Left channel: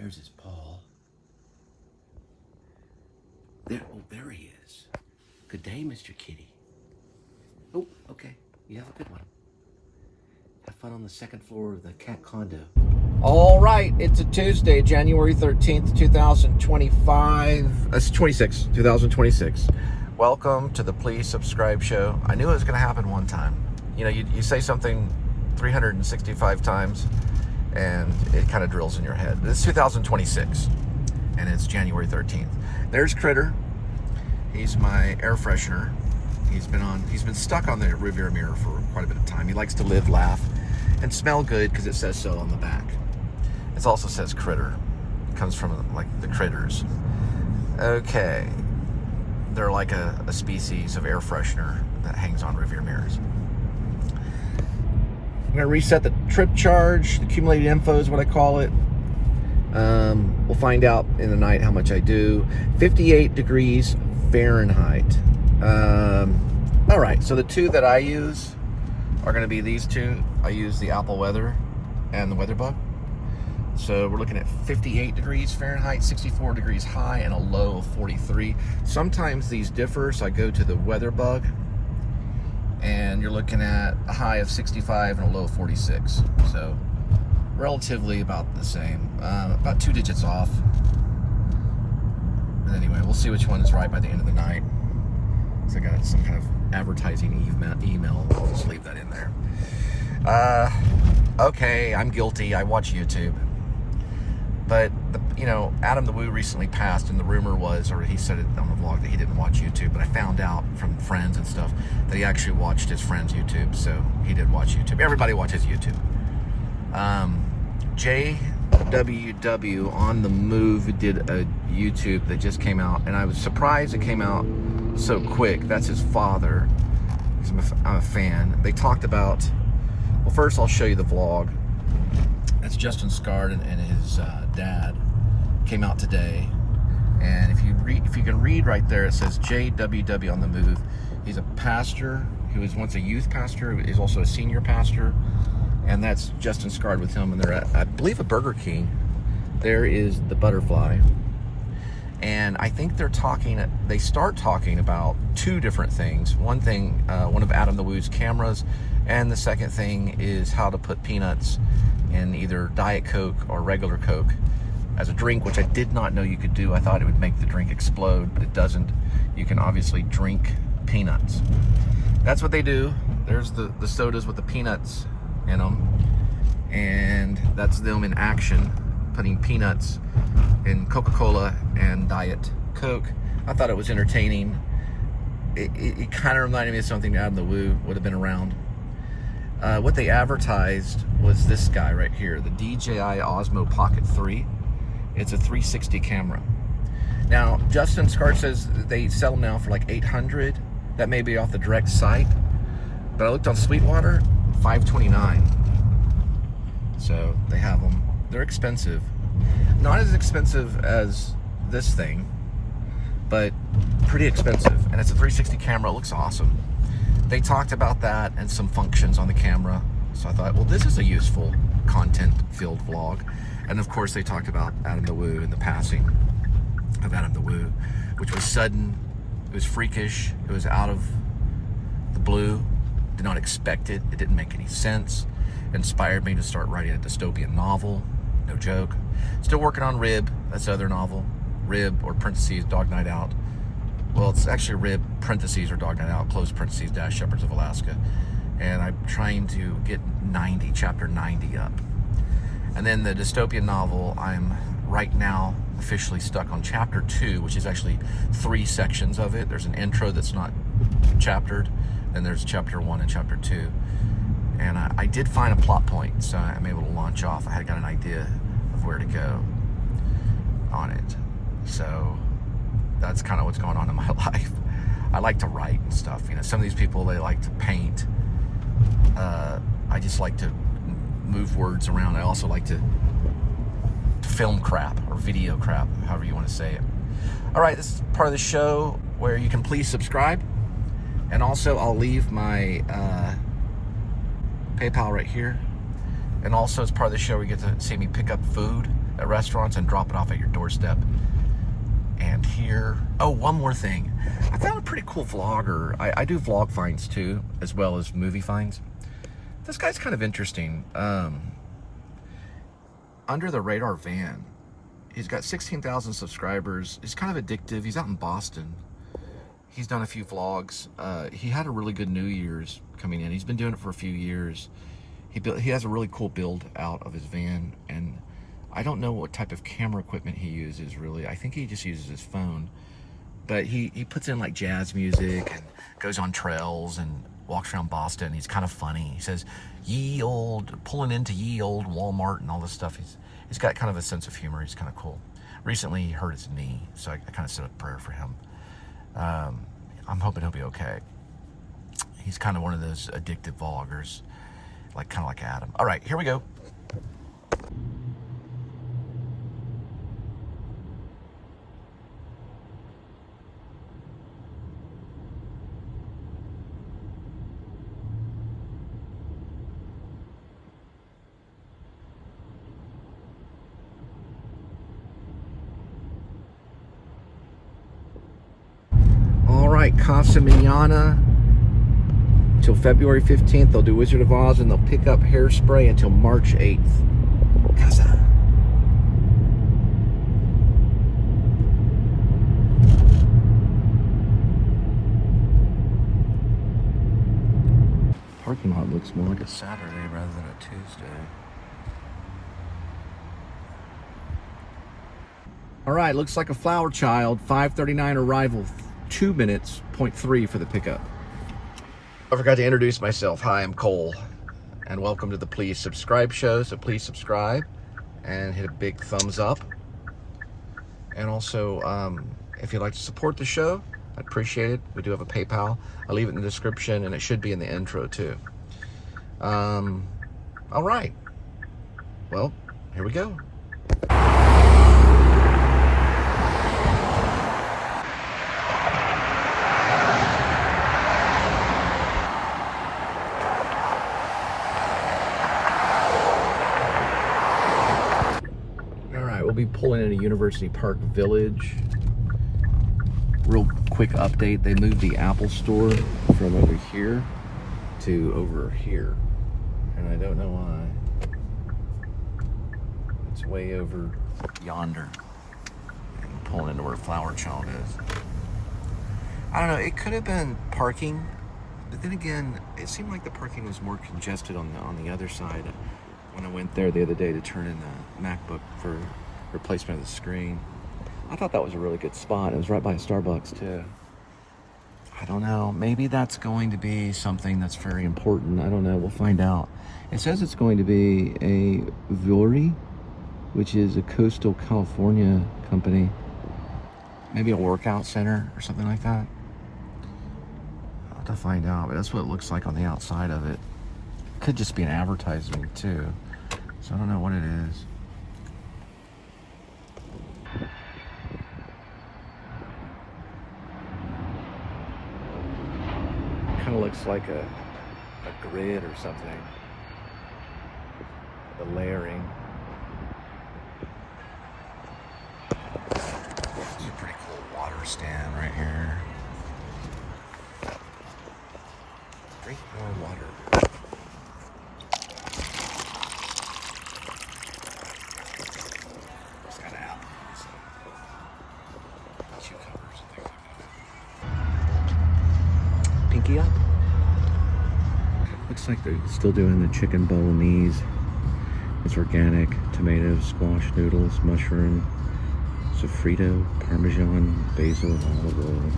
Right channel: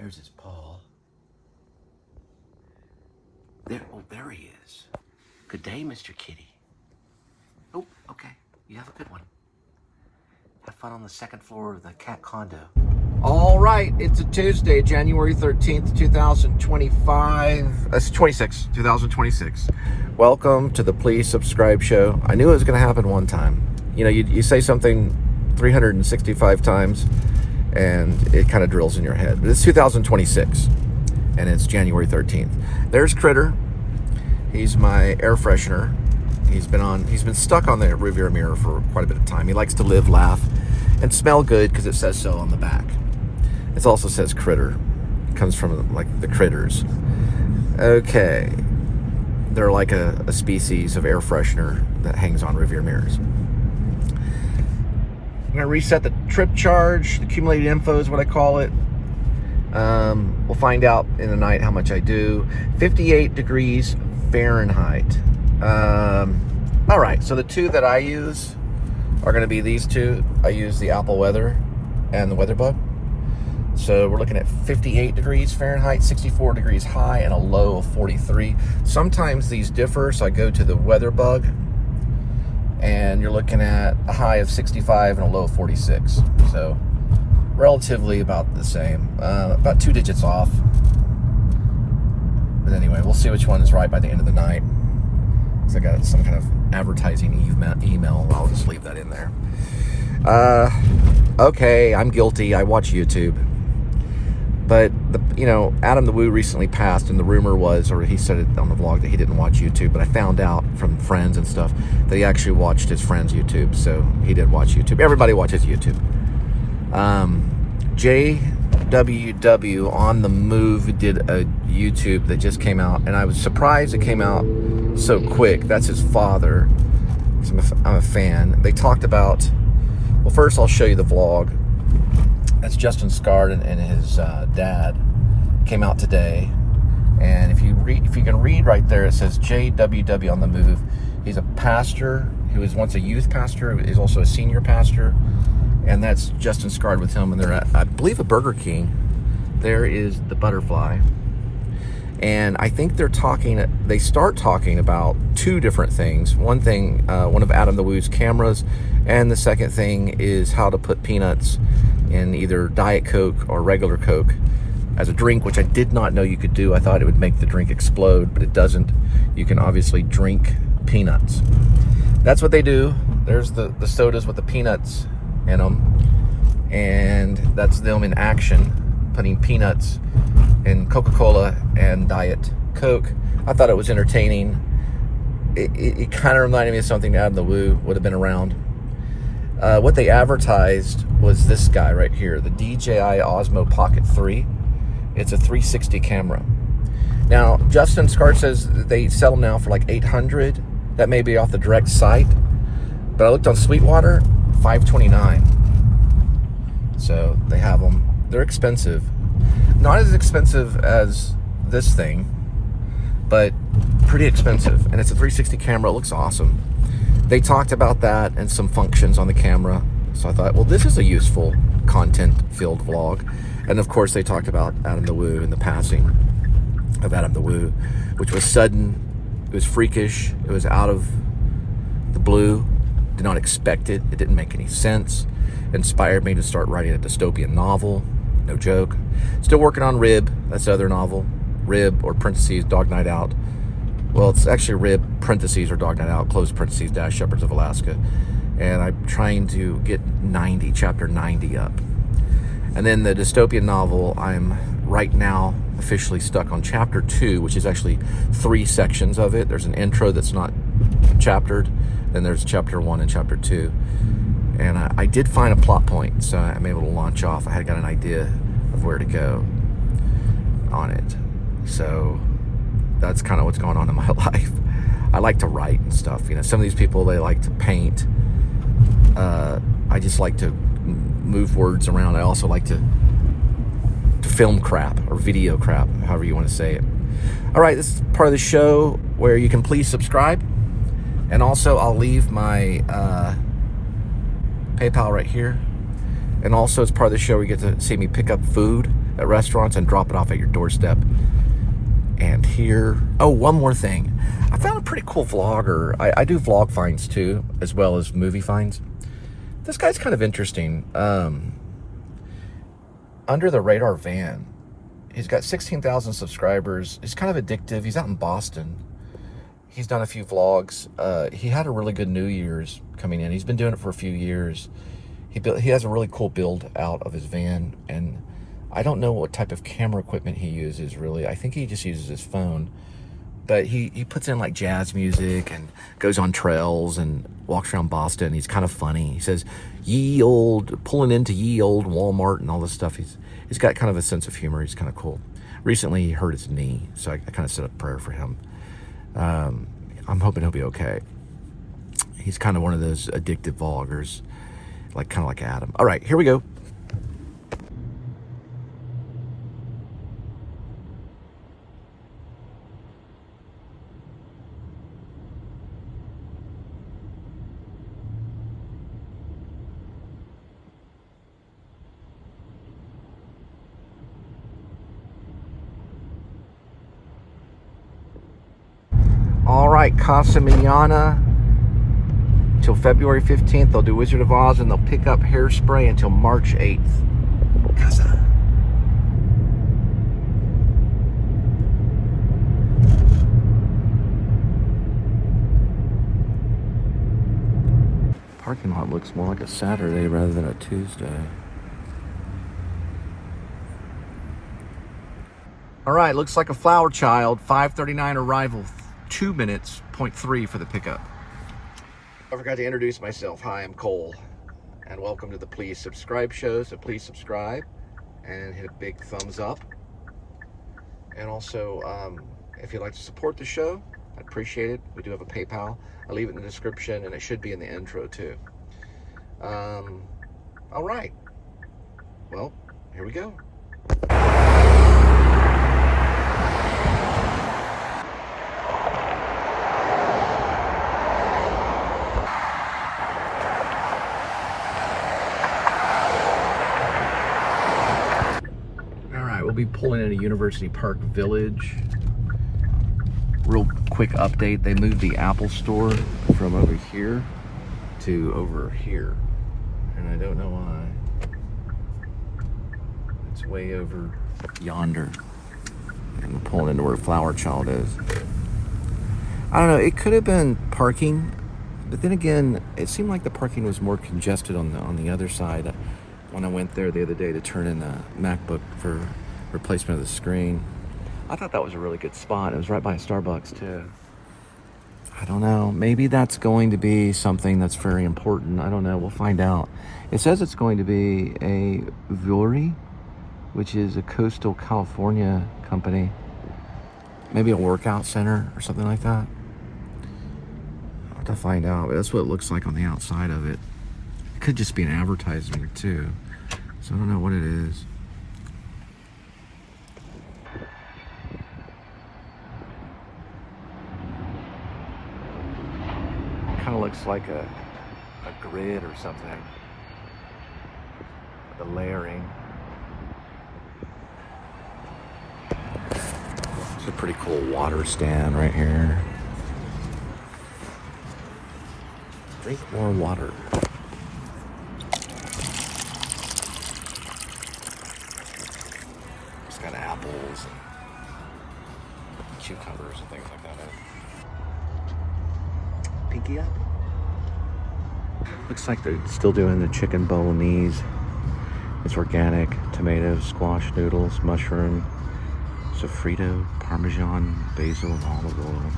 There's his paw. There, oh, there he is. Good day, Mr. Kitty. Oh, okay. You have a good one. Have fun on the second floor of the cat condo. All right, it's a Tuesday, January 13th, 2025. That's 2026. Welcome to the Please Subscribe show. I knew it was going to happen one time. You know, you say something 365 times, and it kind of drills in your head. But it's 2026, and it's January 13th. There's Critter. He's my air freshener. He's been stuck on the rearview mirror for quite a bit of time. He likes to live, laugh, and smell good because it says so on the back. It also says Critter. It comes from like the critters. Okay. They're like a species of air freshener that hangs on rearview mirrors. I'm going to reset the trip charge. The accumulated info is what I call it. We'll find out in the night how much I do. 58 degrees Fahrenheit. All right, so the two that I use are going to be these two. I use the Apple Weather and the WeatherBug. So we're looking at 58 degrees Fahrenheit, 64 degrees high, and a low of 43. Sometimes these differ, so I go to the WeatherBug, and you're looking at a high of 65 and a low of 46. So relatively about the same, about 2 digits off. But anyway, we'll see which one is right by the end of the night. So I got some kind of advertising email. I'll just leave that in there. Okay, I'm guilty. I watch YouTube. But, Adam the Woo recently passed, and the rumor was, or he said it on the vlog, that he didn't watch YouTube. But I found out from friends and stuff that he actually watched his friend's YouTube. So he did watch YouTube. Everybody watches YouTube. JWW on the Move did a YouTube that just came out, and I was surprised it came out so quick. That's his father. I'm a fan. They talked about, well, first I'll show you the vlog. That's Justin Scard and his dad came out today. And if you can read right there, it says JWW on the Move. He's a pastor. He was once a youth pastor. He's also a senior pastor. And that's Justin Scard with him. And they're at, I believe, a Burger King. There is the butterfly. And I think they start talking about two different things. One thing, one of Adam the Woo's cameras, and the second thing is how to put peanuts in either Diet Coke or regular Coke as a drink, which I did not know you could do. I thought it would make the drink explode, but it doesn't. You can obviously drink peanuts. That's what they do. There's the sodas with the peanuts in them, and that's them in action, putting peanuts in Coca-Cola and Diet Coke. I thought it was entertaining. It kind of reminded me of something Adam the Woo would have been around. What they advertised was this guy right here, the DJI Osmo Pocket 3. It's a 360 camera. Now, Justin Scard says they sell them now for like $800. That may be off the direct site, but I looked on Sweetwater, $529. So they have them. They're expensive. Not as expensive as this thing, but pretty expensive. And it's a 360 camera. It looks awesome. They talked about that and some functions on the camera. So I thought, well, this is a useful content-filled vlog. And of course, they talked about Adam the Woo and the passing of Adam the Woo, which was sudden. It was freakish. It was out of the blue. Did not expect it. It didn't make any sense. It inspired me to start writing a dystopian novel. No joke. Still working on Rib. That's the other novel. Rib, or parentheses, Dog Night Out. Well, it's actually Rib, parentheses, or Dog Night Out, close parentheses, dash Shepherds of Alaska. And I'm trying to get chapter 90 up. And then the dystopian novel, I'm right now officially stuck on chapter 2, which is actually 3 sections of it. There's an intro that's not chaptered. Then there's chapter 1 and chapter 2. And I did find a plot point, so I'm able to launch off. I had got an idea of where to go on it. So that's kind of what's going on in my life. I like to write and stuff. Some of these people, they like to paint. I just like to move words around. I also like to film crap or video crap, however you want to say it. All right, this is part of the show where you can please subscribe. And also, I'll leave my PayPal right here. And also, it's part of the show where you get to see me pick up food at restaurants and drop it off at your doorstep. And here, oh, one more thing. I found a pretty cool vlogger. I do vlog finds too, as well as movie finds. This guy's kind of interesting. Under the radar van. He's got 16,000 subscribers. He's kind of addictive. He's out in Boston. He's done a few vlogs. He had a really good New Year's coming in. He's been doing it for a few years. He has a really cool build out of his van, and I don't know what type of camera equipment he uses really. I think he just uses his phone. But he puts in like jazz music and goes on trails and walks around Boston. He's kind of funny. He says, pulling into ye old Walmart and all this stuff. He's got kind of a sense of humor. He's kind of cool. Recently he hurt his knee, so I kind of said a prayer for him. I'm hoping he'll be okay. He's kind of one of those addictive vloggers, kind of like Adam. All right, here we go. All right, Casa Manana till February 15th. They'll do Wizard of Oz, and they'll pick up Hairspray until March 8th. Casa. Parking lot looks more like a Saturday rather than a Tuesday. All right, looks like a Flower Child. 5:39 arrival. 2 minutes, 0.3 for the pickup. I forgot to introduce myself. Hi, I'm Cole, and welcome to the Please Subscribe show. So please subscribe and hit a big thumbs up. And also, if you'd like to support the show, I'd appreciate it. We do have a PayPal. I'll leave it in the description, and it should be in the intro too. All right. Well, here we go. We'll be pulling into University Park Village. Real quick update, they moved the Apple store from over here to over here, and I don't know why. It's way over yonder. I'm pulling into where Flower Child is. I don't know, it could have been parking, but then again, it seemed like the parking was more congested on the other side when I went there the other day to turn in a MacBook for replacement of the screen. I thought that was a really good spot. It was right by a Starbucks too. I don't know, maybe that's going to be something that's very important. I don't know, we'll find out. It says it's going to be a Vuori, which is a coastal California company. Maybe a workout center or something like that. I'll have to find out, but that's what it looks like on the outside of it. It could just be an advertisement too. So I don't know what it is. Kind of looks like a grid or something. The layering. It's a pretty cool water stand right here. Drink more water. It's got apples and cucumbers and things like that. Pinky up. Looks like they're still doing the chicken bolognese. It's organic, tomatoes, squash noodles, mushroom, sofrito, parmesan, basil, olive oil.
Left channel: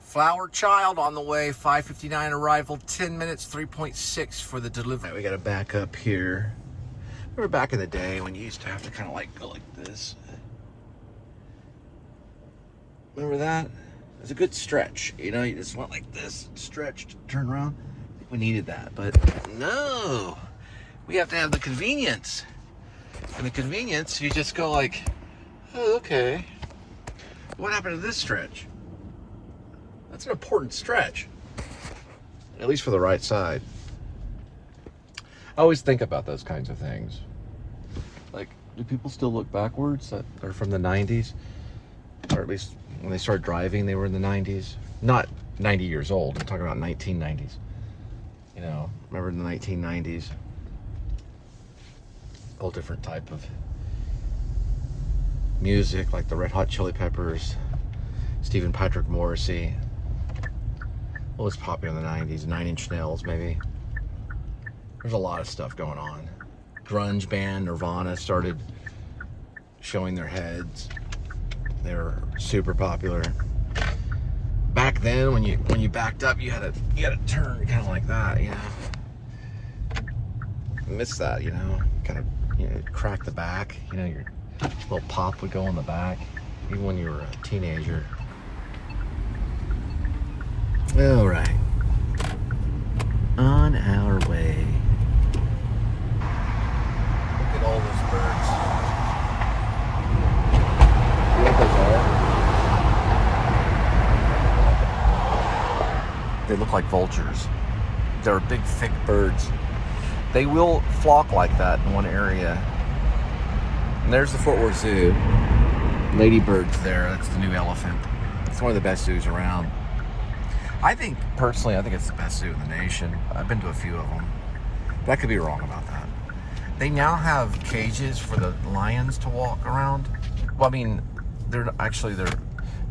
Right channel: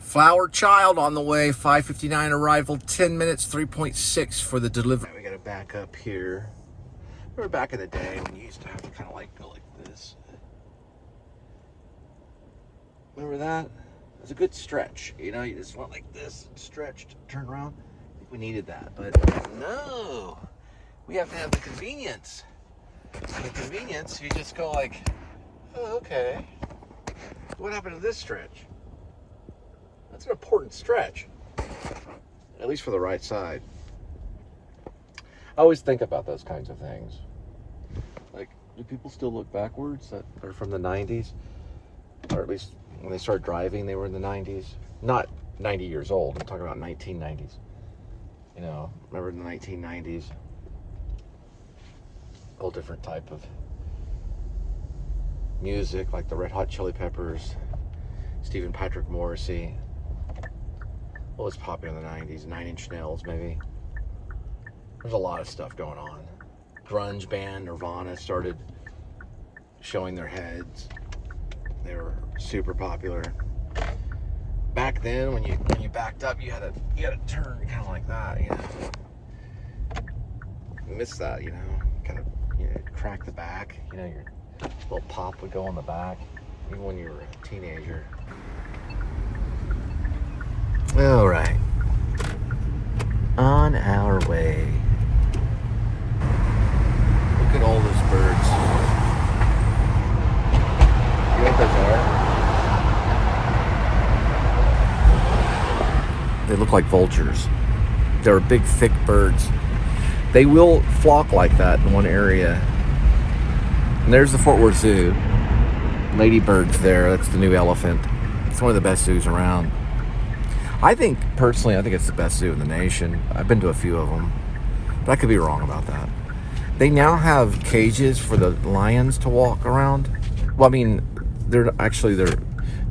Flower Child on the way, 5:59 arrival, 10 minutes, 3.6 for the delivery. Right, we gotta back up here. Remember back in the day when you used to have to kind of go like this? Remember that? It was a good stretch. You know, you just went like this, stretched, turn around. I think we needed that, but no. We have to have the convenience. And the convenience, you just go like, oh, okay. what happened to this stretch? That's an important stretch. At least for the right side. I always think about those kinds of things. Like, do people still look backwards that are from the 90s? Or at least when they started driving, they were in the 90s. Not 90 years old, I'm talking about 1990s. You know, remember in the 1990s? Whole different type of music, like the Red Hot Chili Peppers, Stephen Patrick Morrissey. What was popular in the 90s? 9 Inch Nails, maybe. There's a lot of stuff going on. Grunge band Nirvana started showing their heads. They were super popular. Back then, when you backed up, you had to turn kind of like that, you know. I miss that, you know. Kind of, you know, crack the back. You know, your little pop would go on the back, even when you were a teenager. All right, on our way. Look at all those birds. You know what those are? They look like vultures. They're big, thick birds. They will flock like that in one area. And there's the Fort Worth Zoo. Ladybird's there. That's the new elephant. It's one of the best zoos around. Personally, I think it's the best zoo in the nation. I've been to a few of them. But I could be wrong about that. They now have cages for the lions to walk around. Well, I mean, they're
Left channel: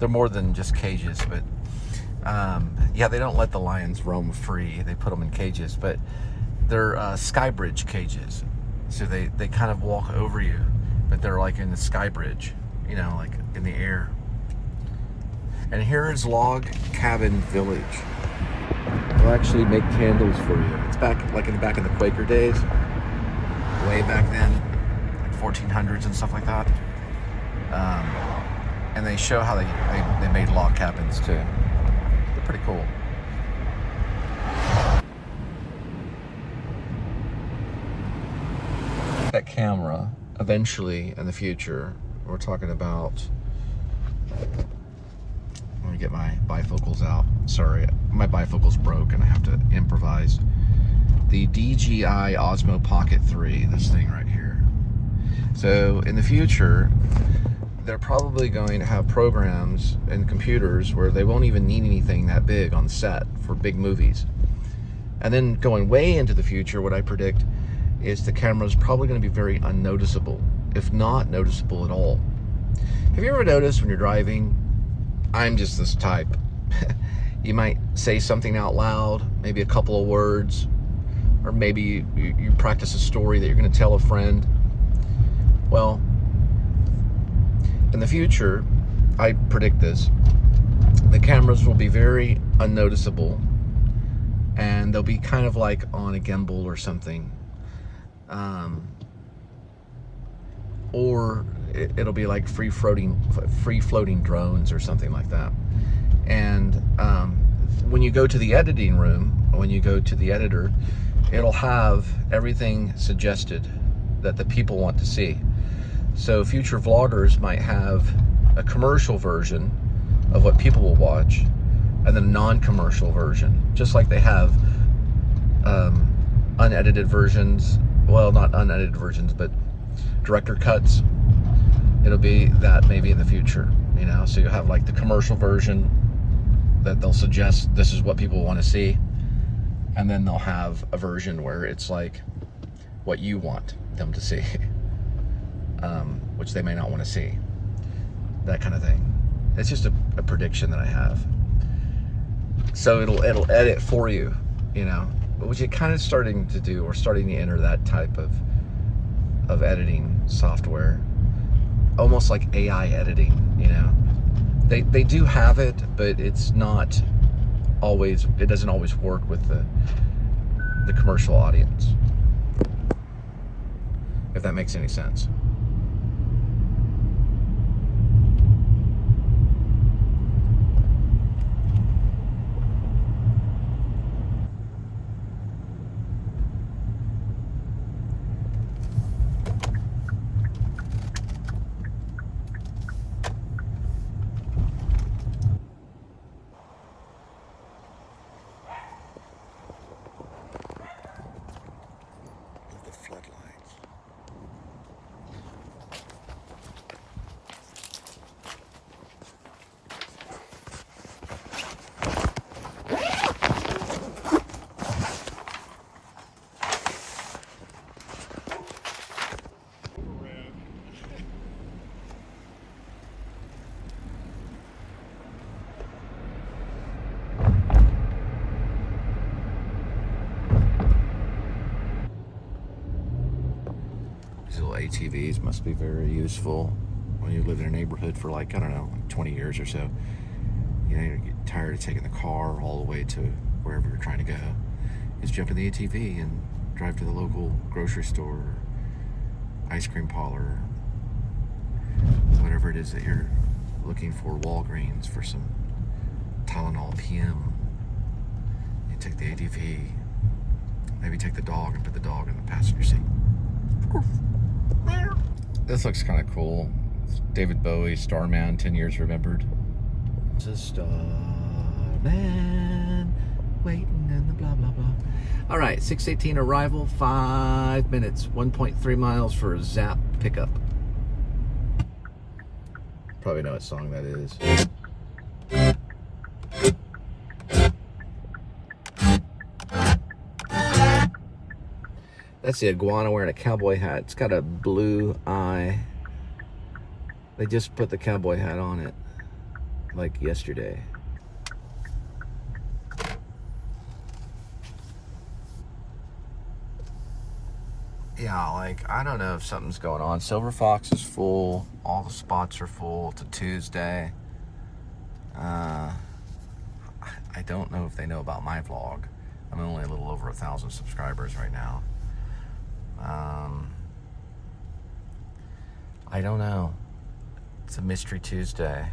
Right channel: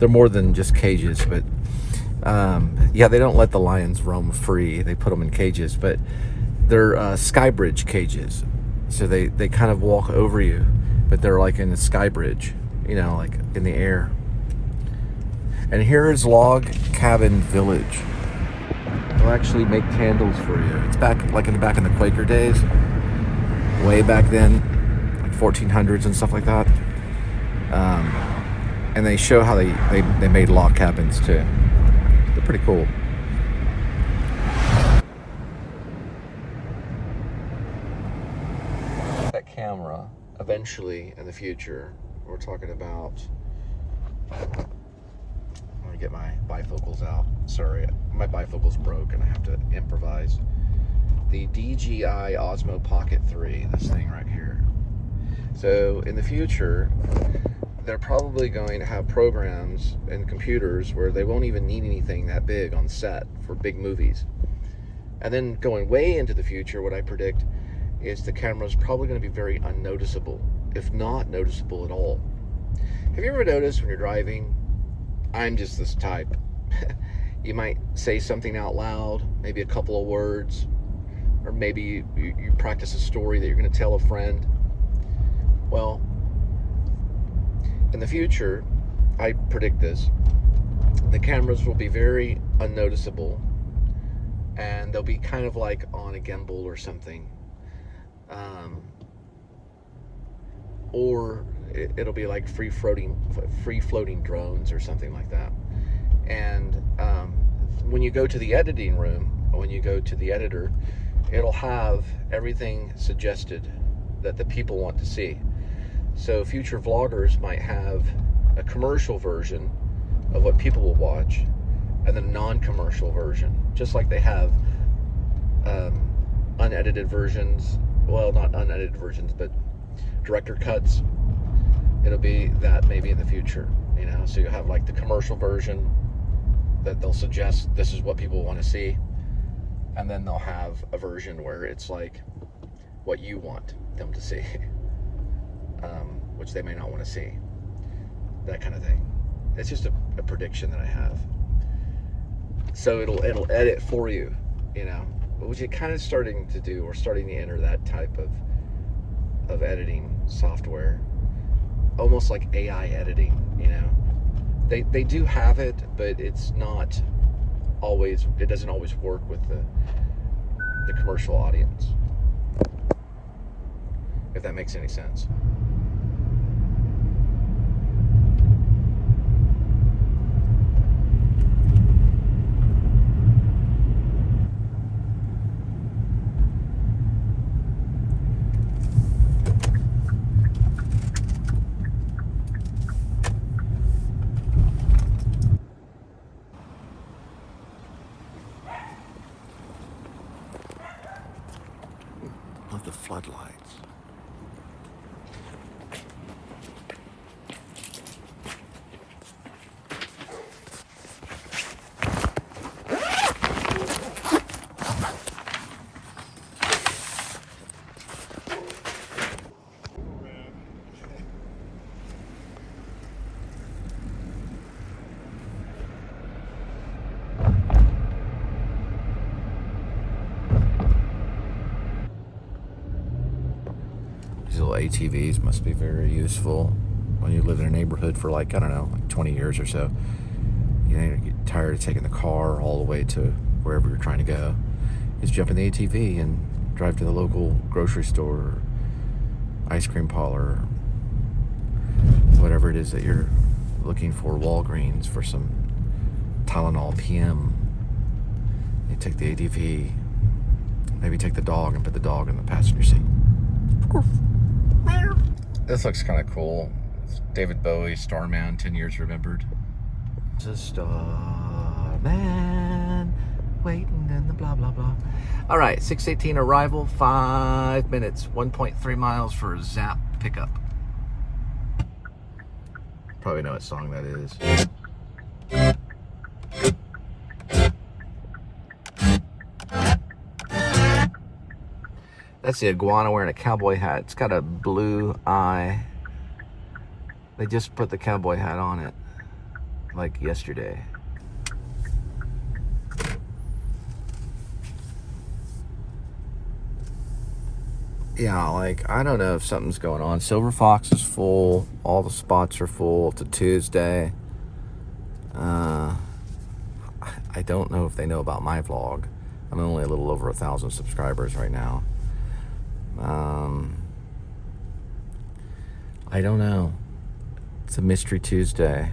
more than just cages, but yeah, they don't let the lions roam free. They put them in cages, but they're sky bridge cages. So they kind of walk over you, but they're like in the sky bridge, you know, like in the air. And here is Log Cabin Village. They actually make candles for you. It's back, like in the Quaker days, way back then, like 1400s and stuff like that. And they show how they made log cabins too. They're pretty cool. That camera, eventually in the future, we're talking about. Get my bifocals out. Sorry, my bifocals broke and I have to improvise. The DJI Osmo Pocket 3, this thing right here. So in the future, they're probably going to have programs and computers where they won't even need anything that big on set for big movies. And then going way into the future, what I predict is the camera's probably going to be very unnoticeable, if not noticeable at all. Have you ever noticed when you're driving? I'm just this type. You might say something out loud, maybe a couple of words, or maybe you practice a story that you're going to tell a friend. Well, in the future, I predict this, the cameras will be very unnoticeable, and they'll be kind of like on a gimbal or something. Or it'll be like free floating drones or something like that. And when you go to the editing room, when you go to the editor, it'll have everything suggested that the people want to see. So future vloggers might have a commercial version of what people will watch, and then a non-commercial version, just like they have unedited versions. Well, not unedited versions, but director cuts. It'll be that maybe in the future, you know. So you'll have like the commercial version that they'll suggest this is what people want to see, and then they'll have a version where it's like what you want them to see, which they may not want to see, that kind of thing. It's just a prediction that I have. So it'll edit for you, you know, which you're kind of starting to do, or starting to enter that type of editing software, almost like AI editing, you know. They do have it, but it's not always, it doesn't always work with the commercial audience, if that makes any sense. ATVs must be very useful when you live in a neighborhood for like, I don't know, like 20 years or so. You know, you get tired of taking the car all the way to wherever you're trying to go. Just jump in the ATV and drive to the local grocery store, or ice cream parlor, whatever it is that you're looking for, Walgreens for some Tylenol PM. You take the ATV, maybe take the dog and put the dog in the passenger seat. This looks kind of cool. It's David Bowie, Starman, 10 Years Remembered. It's a starman waiting in the blah blah blah. All right, 6:18 arrival, 5 minutes, 1.3 miles for a Zap pickup. Probably know what song that is. That's the iguana wearing a cowboy hat. It's got a blue eye. They just put the cowboy hat on it like yesterday. Yeah, like, I don't know if something's going on. Silver Fox is full. All the spots are full. It's a Tuesday. I don't know if they know about my vlog. I'm only a little over 1,000 subscribers right now. I don't know. It's a Mystery Tuesday.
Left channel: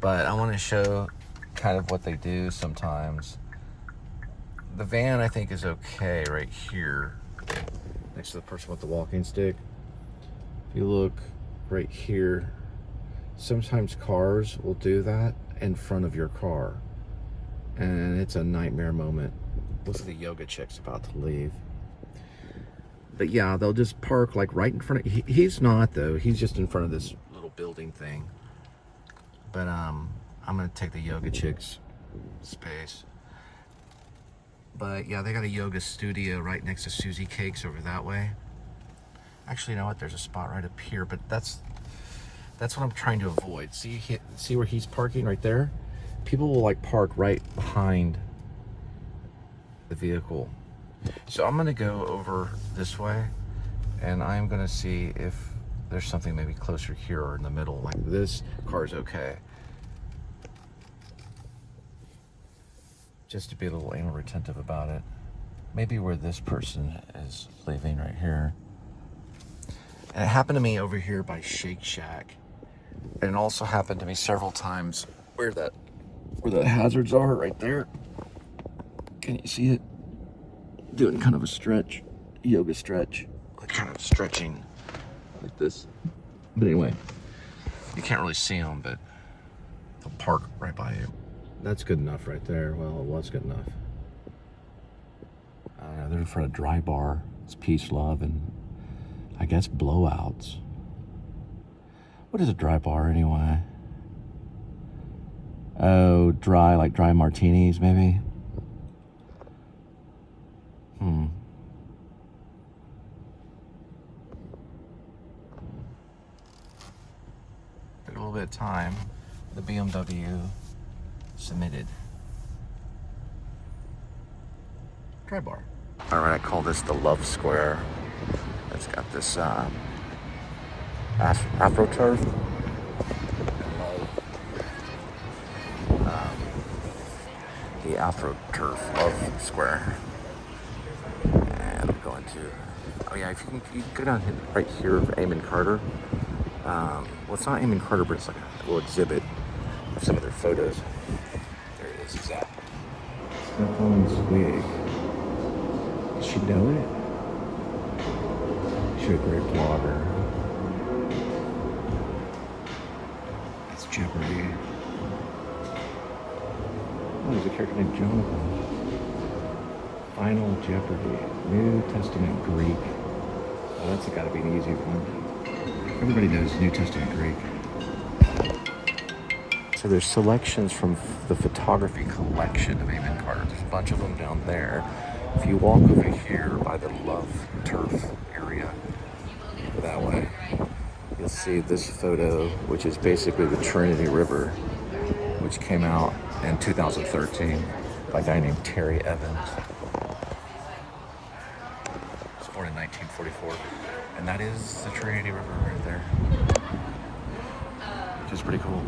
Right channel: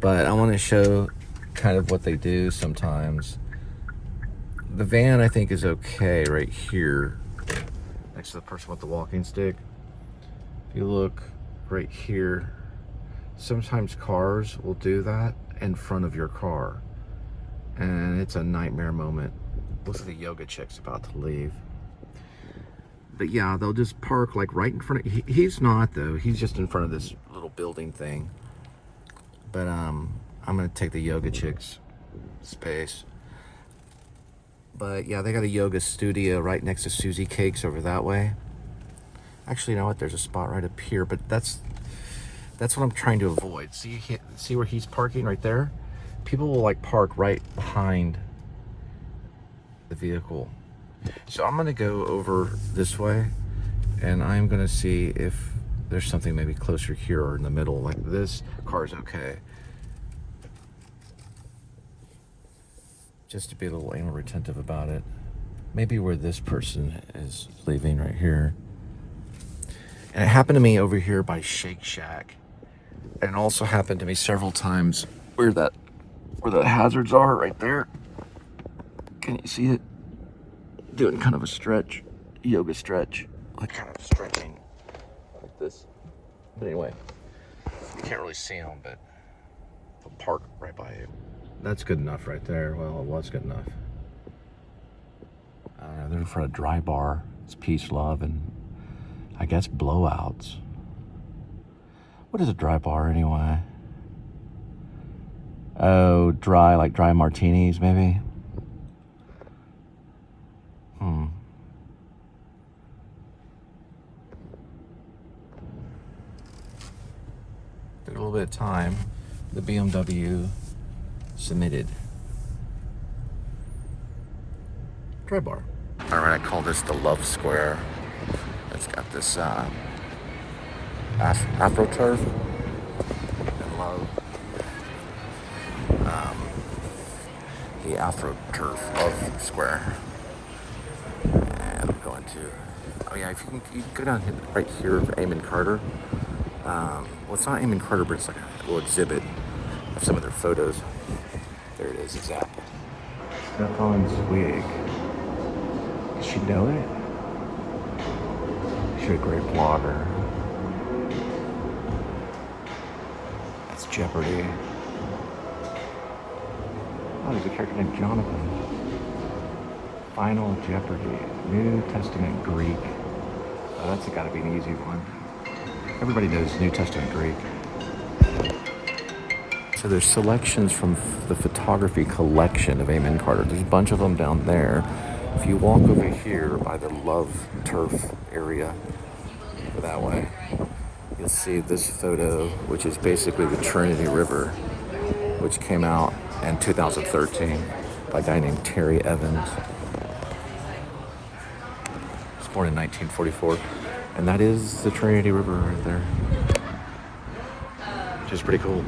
But I want to show kind of what they do sometimes. The van, I think, is okay right here, next to the person with the walking stick. If you look right here, sometimes cars will do that in front of your car, and it's a nightmare moment. Look at the yoga chick's about to leave. But yeah, they'll just park like right in front of, he's not though, he's just in front of this little building thing. But I'm gonna take the yoga chick's space. But yeah, they got a yoga studio right next to Susie Cakes over that way. Actually, you know what? There's a spot right up here, but that's what I'm trying to avoid. See where he's parking right there? People will like park right behind the vehicle. So I'm gonna go over this way, and I'm gonna see if there's something maybe closer here or in the middle. Like this car's okay. Just to be a little anal retentive about it. Maybe where this person is leaving right here. And it happened to me over here by Shake Shack. And it also happened to me several times where the hazards are right there. Can you see it? Doing kind of a stretch, yoga stretch. Like kind of stretching like this. But anyway, you can't really see them, but they'll park right by you. That's good enough right there. Well, it was good enough. They're in front of Dry Bar. It's peace, love, and I guess blowouts. What is a Dry Bar anyway? Oh, dry, like dry martinis maybe? Took a little bit of time. The BMW submitted. Dry Bar. All right, I call this the Love Square. It's got this AfroTurf and love. The AfroTurf Love Square. And I'm going to, oh yeah, if you can go down here, right here of Eamon Carter. Well, it's not Eamon Carter, but it's like a little exhibit of some of their photos. There it is, Zap. Stefan's wig. Does she know it? She's a great vlogger. That's Jeopardy. Oh, there's a character named Jonathan. Final Jeopardy. New Testament Greek. Oh, that's gotta be an easy one. Everybody knows New Testament Greek. So there's selections from the photography collection of Eamon Carter. There's a bunch of them down there. If you walk over here by the Love Turf area, that way, you'll see this photo, which is basically the Trinity River, which came out in 2013 by a guy named Terry Evans. born in 1944. And that is the Trinity River right there, which is pretty cool.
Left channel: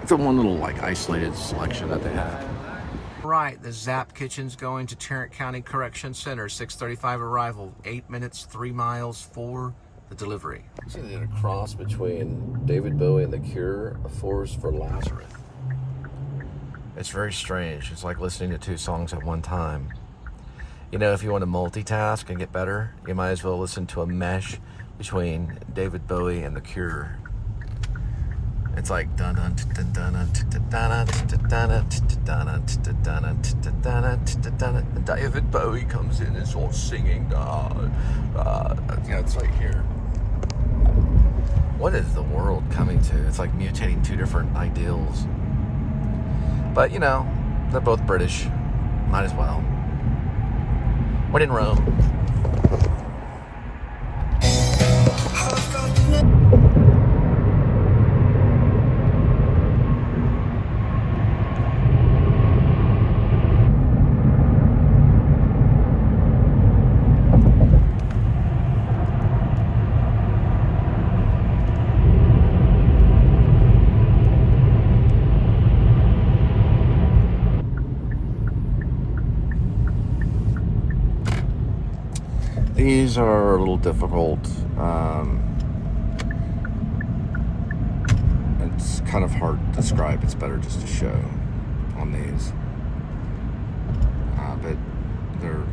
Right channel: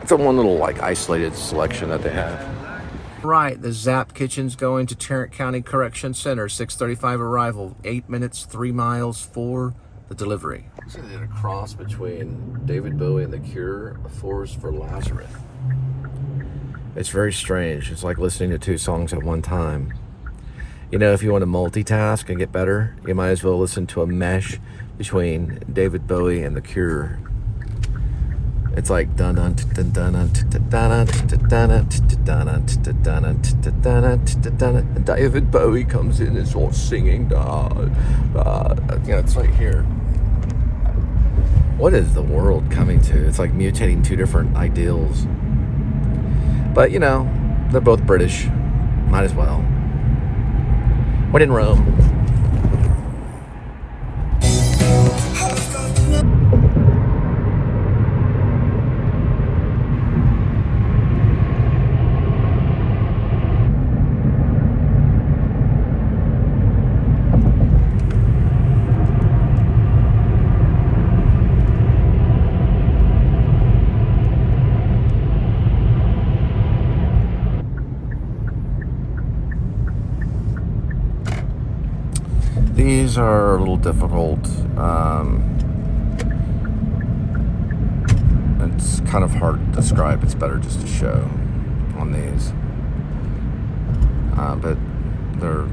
It's a one little like isolated selection that they have. Right, the Zap Kitchen's going to Tarrant County Correction Center, 6:35 arrival, 8 minutes, 3 miles for the delivery. So they did a cross between David Bowie and The Cure, A Force for Lazarus. It's very strange. It's like listening to two songs at one time. You know, if you want to multitask and get better, you might as well listen to a mesh between David Bowie and The Cure. It's like dun dun dun dun dun dun dun dun. David Bowie comes in and starts singing. Yeah, it's like here. What is the world coming to? It's like mutating two different ideals. But you know, they're both British. Might as well. When in Rome. These are a little difficult. It's kind of hard to describe. It's better just to show on these. But they're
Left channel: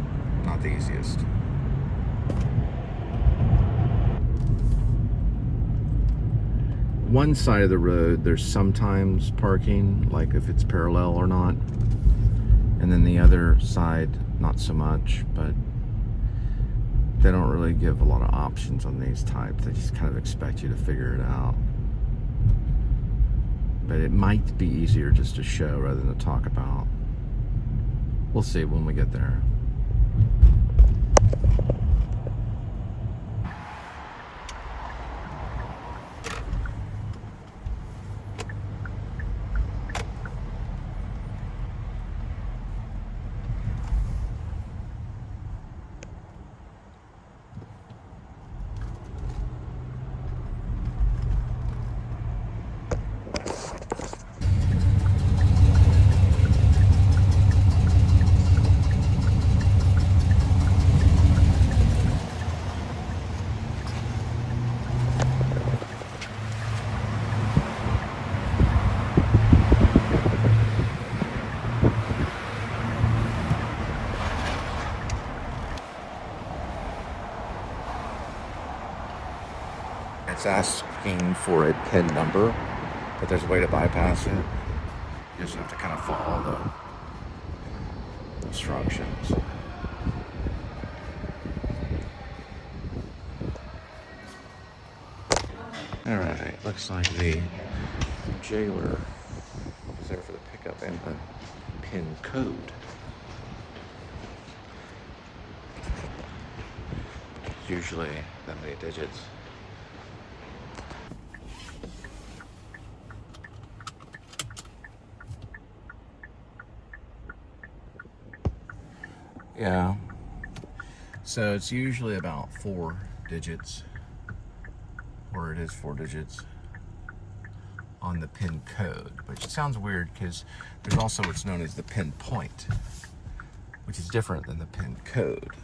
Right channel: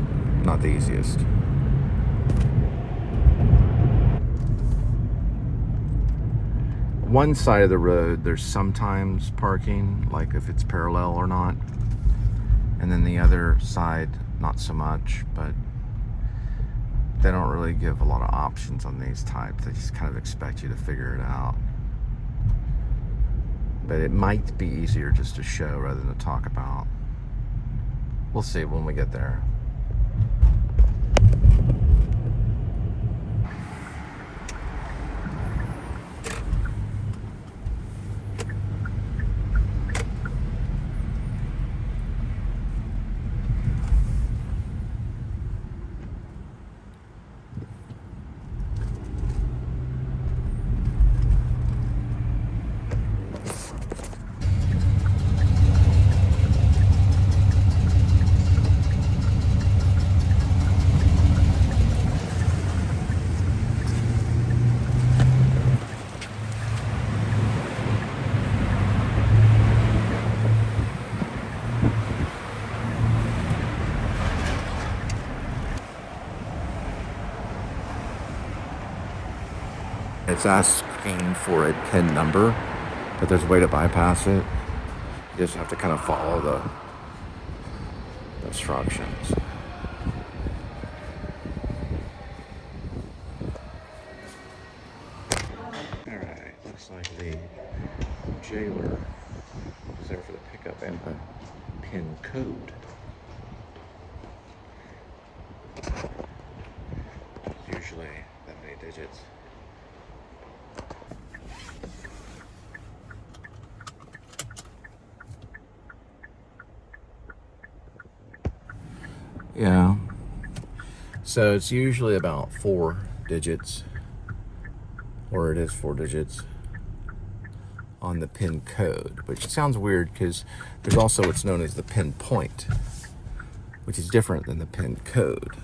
not the easiest. One side of the road, there's sometimes parking, like if it's parallel or not. And then the other side, not so much, but they don't really give a lot of options on these types. They just kind of expect you to figure it out. But it might be easier just to show rather than to talk about. We'll see when we get there. It's asking for a PIN number, but there's a way to bypass it. You just have to kind of follow the instructions. Alright, looks like the jailer was there for the pickup and the PIN code. Usually that many digits. Yeah, so it's usually about 4 digits, or it is 4 digits on the PIN code, which sounds weird because there's also what's known as the PIN point, which is different than the PIN code.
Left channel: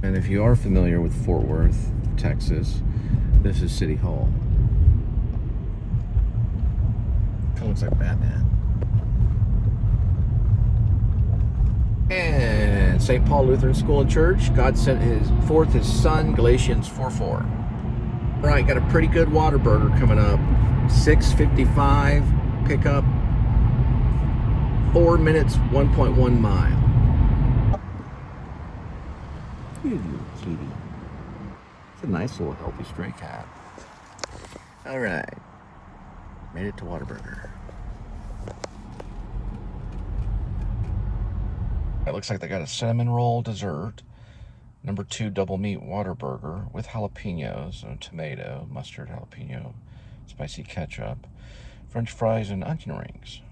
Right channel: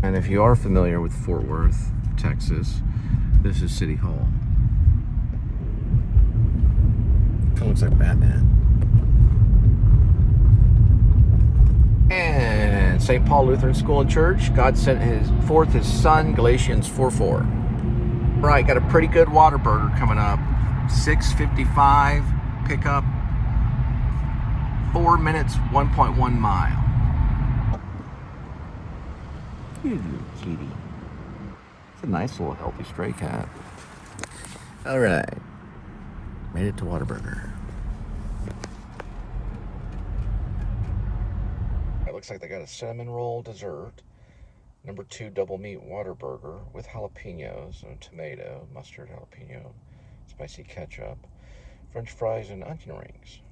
And if you are familiar with Fort Worth, Texas, this is City Hall. It looks like Batman. And St. Paul Lutheran School and Church, God sent forth his son, Galatians 4:4. Right, got a pretty good Whataburger coming up. 6:55 pickup, 4 minutes, 1.1 mile. You little kitty. It's a nice little healthy stray cat. Alright. Made it to Whataburger. It looks like they got a cinnamon roll dessert. Number 2 double meat water burger with jalapenos, so tomato, mustard, jalapeno, spicy ketchup, French fries, and onion rings.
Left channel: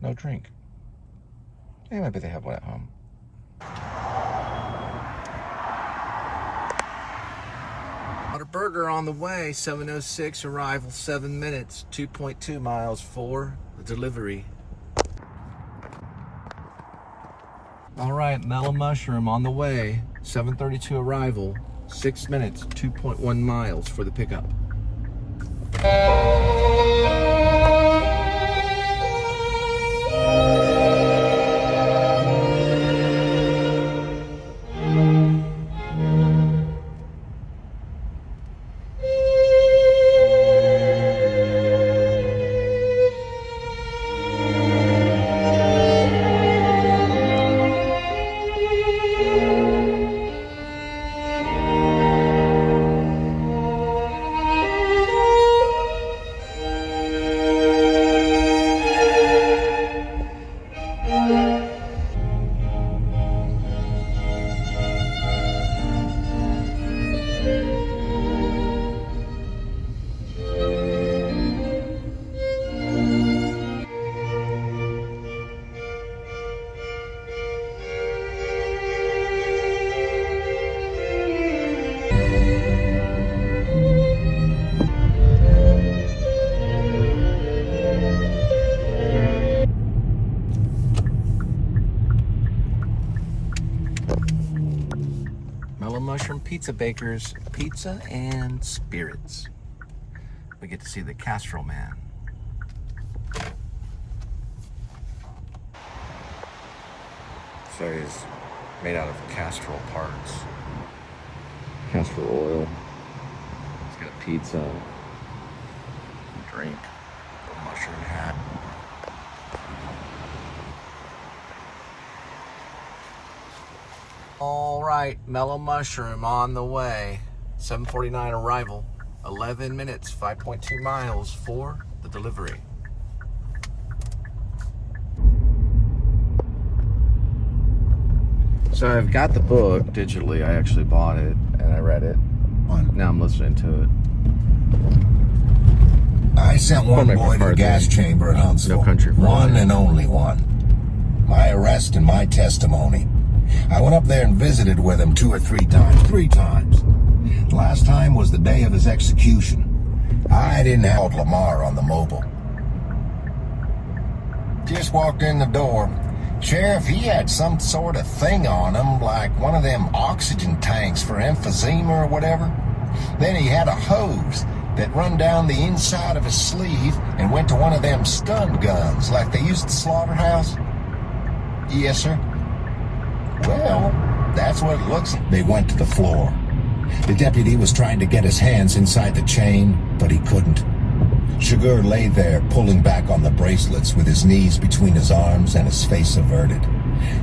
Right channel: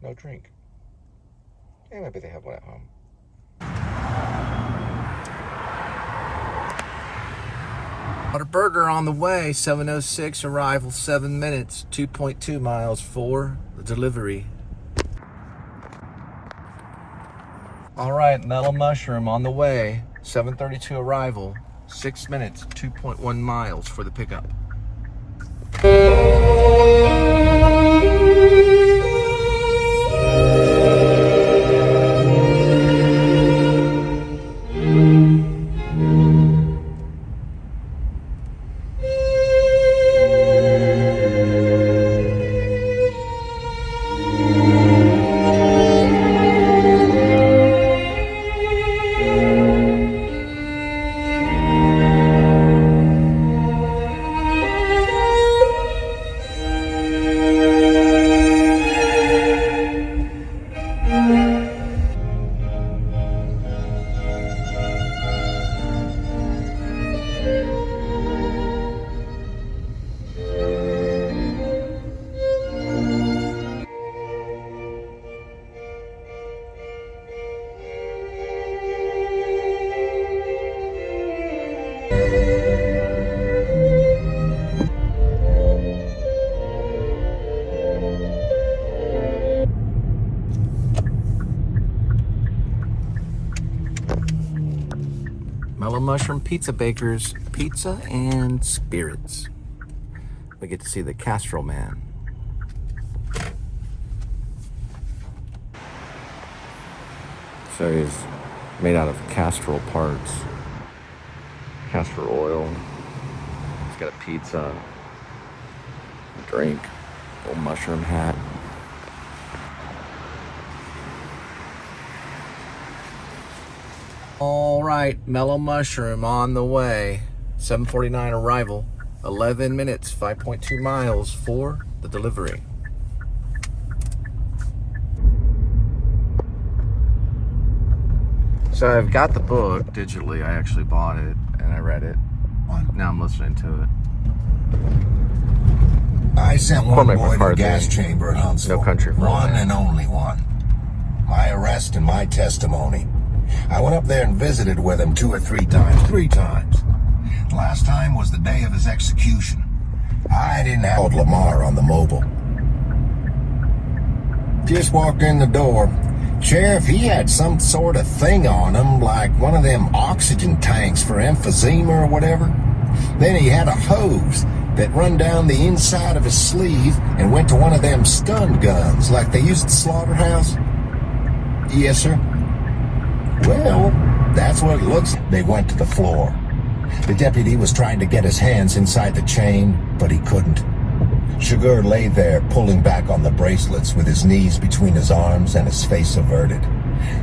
No drink. Hey, maybe they have one at home. Water burger on the way, 7:06 arrival, 7 minutes, 2.2 miles for the delivery. All right, mellow mushroom on the way, 7:32 arrival, 6 minutes, 2.1 miles for the pickup. Mellow Mushroom Pizza Bakers, pizza and spirits. We get to see the Castrol Man. So he's made out of Castrol parts. Castor oil. He's got a pizza, a drink, a little mushroom hat. All right, Mellow Mushroom on the way. 7:49 arrival, 11 minutes, 5.2 miles for the delivery. So I've got the book digitally. I actually bought it and I read it. Now I'm listening to it. I sent one boy to the gas chamber at Huntsville. No Country for One and only one. My arrest and my testimony. I went up there and visited with him 2 or 3 times. 3 times. Last time was the day of his execution. I didn't have Lamar on the mobile. Just walked in the door. Sheriff, he had some sort of thing on him, like one of them oxygen tanks for emphysema or whatever. Then he had a hose that run down the inside of his sleeve and went to one of them stun guns like they used at the slaughterhouse. Yes, sir. Well, that's what it looks like. They went to the floor. The deputy was trying to get his hands inside the chain, but he couldn't. Sugar lay there pulling back on the bracelets with his knees between his arms and his face averted.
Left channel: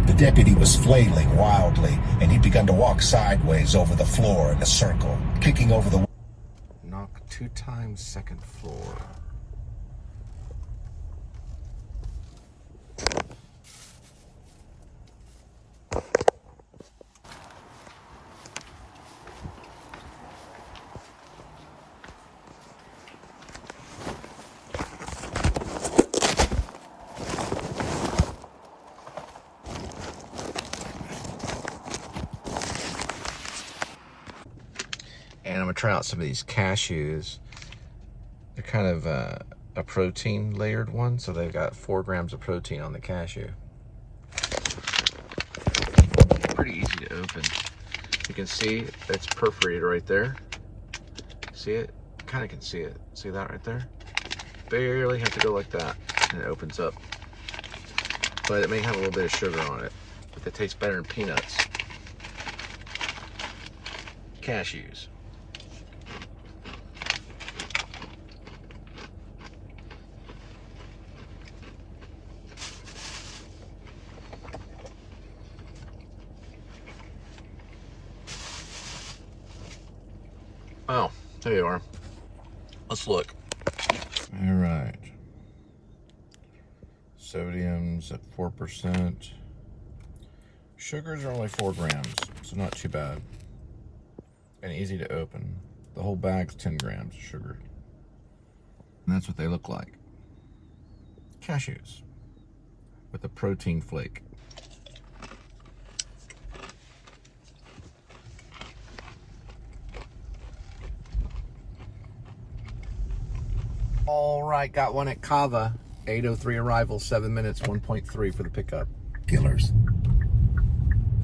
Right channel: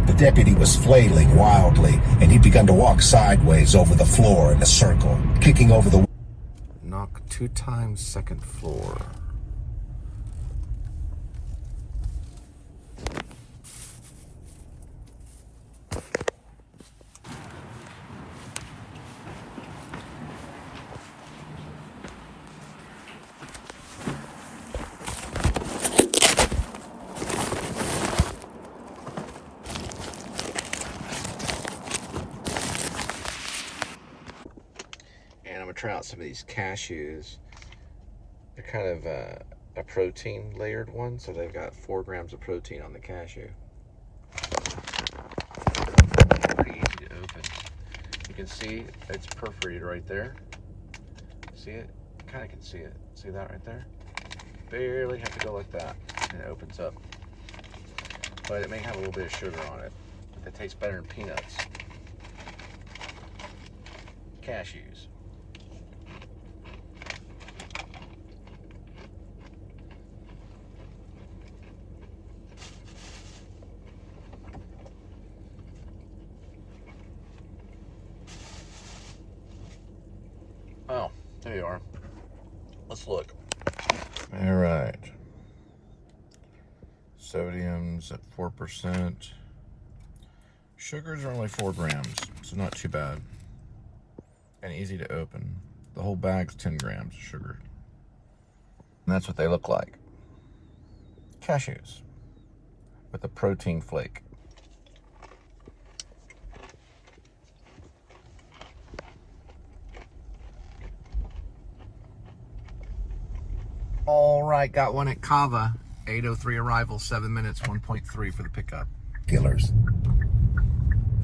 The deputy was flailing wildly, and he began to walk sideways over the floor in a circle, kicking over the... Knock 2 times, 2nd floor. And I'm gonna try out some of these cashews. They're kind of a protein layered one, so they've got 4 grams of protein on the cashew. Pretty easy to open. You can see it's perforated right there. See it? Kind of can see it. See that right there? Barely have to go like that, and it opens up. But it may have a little bit of sugar on it, but it tastes better than peanuts. Cashews. Oh, there you are. Let's look. All right. Sodium's at 4%. Sugars are only 4 grams, so not too bad. And easy to open. The whole bag's 10 grams of sugar. And that's what they look like. Cashews with a protein flake. All right, got one at Kava. 8:03 arrival, 7 minutes, 1.3 for the pickup. Killers.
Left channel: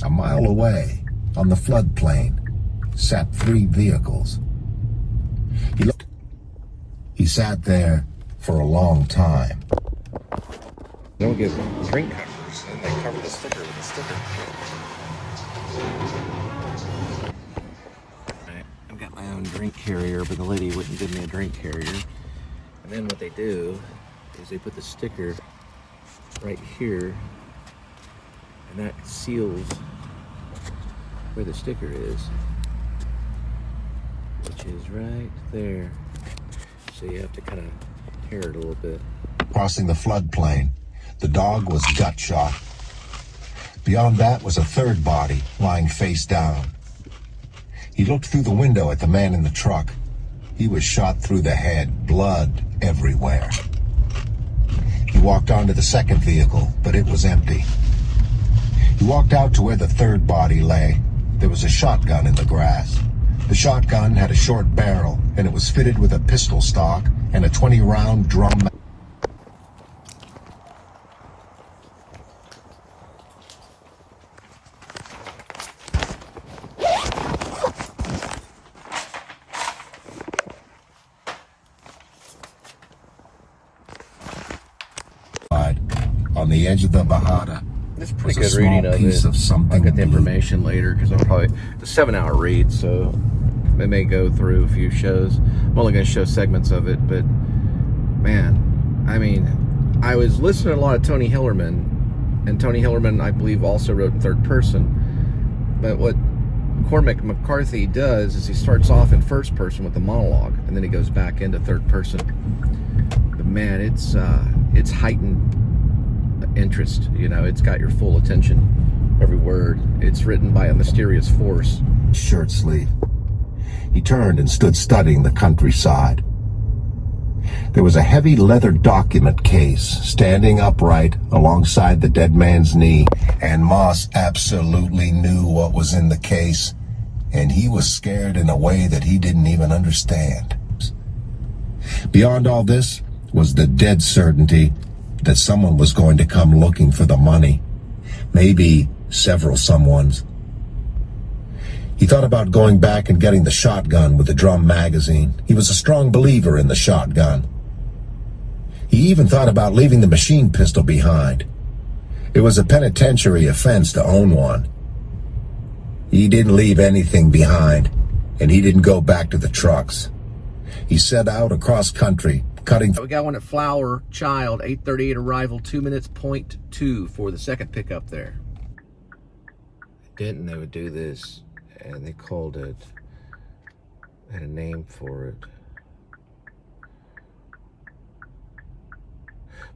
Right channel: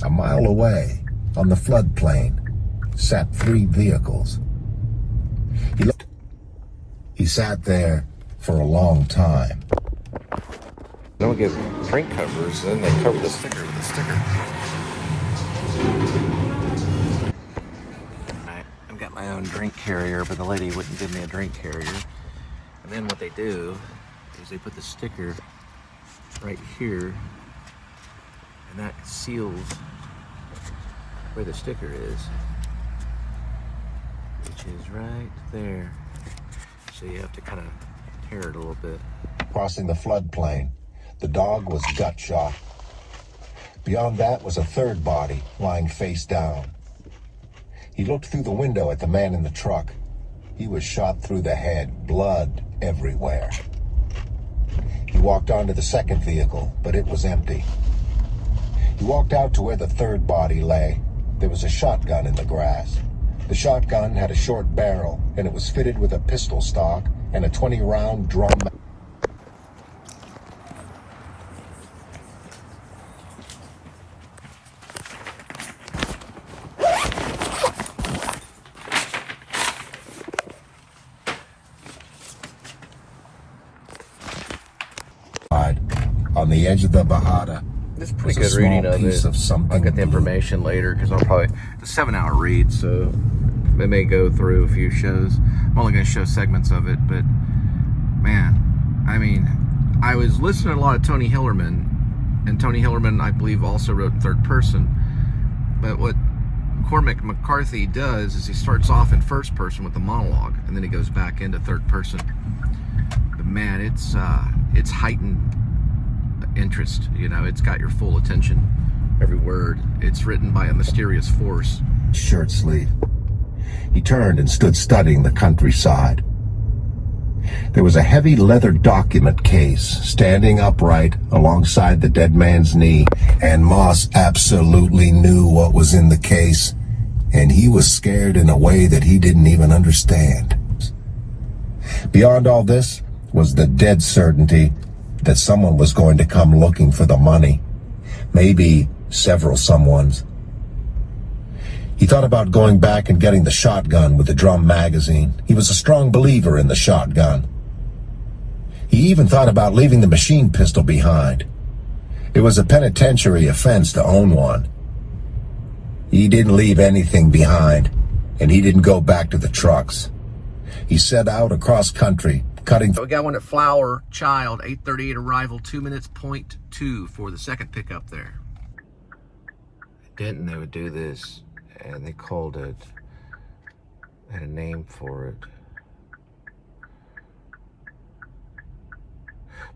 A mile away, on the floodplain, sat 3 vehicles. He sat there for a long time. Then we get drink covers, and then they cover this. Right, I've got my own drink carrier, but the lady wouldn't give me a drink carrier. And then what they do is they put the sticker right here, and that seals where the sticker is, which is right there. So you have to kind of tear it a little bit. Crossing the floodplain, the dog was gut shot. Beyond that was a third body lying face down. He looked through the window at the man in the truck. He was shot through the head, blood everywhere. He walked onto the second vehicle, but it was empty. He walked out to where the third body lay. There was a shotgun in the grass. The shotgun had a short barrel, and it was fitted with a pistol stock and a 20-round drum. On the edge of the Bahada was a small piece of something. I'll get the information later because I'll probably, it's a 7-hour read, so I may go through a few shows. I'm only going to show segments of it, but man, I mean, I was listening to a lot of Tony Hillerman, and Tony Hillerman, I believe, also wrote in third person. But what Cormac McCarthy does is he starts off in first person with a monologue, and then he goes back into third person. But man, it's heightened interest, you know, it's got your full attention, every word. It's written by a mysterious force. Shirt sleeve. He turned and stood studying the countryside. There was a heavy leather document case standing upright alongside the dead man's knee, and Moss absolutely knew what was in the case, and he was scared in a way that he didn't even understand. Beyond all this was the dead certainty that someone was going to come looking for the money. Maybe several someones. He thought about going back and getting the shotgun with the drum magazine. He was a strong believer in the shotgun. He even thought about leaving the machine pistol behind. It was a penitentiary offense to own one. He didn't leave anything behind, and he didn't go back to the trucks. He set out across country, cutting. So we got one at Flower Child, 8:38 arrival, 2 minutes, 0.2 for the second pickup there. Denton, they would do this, and they called it, they had a name for it.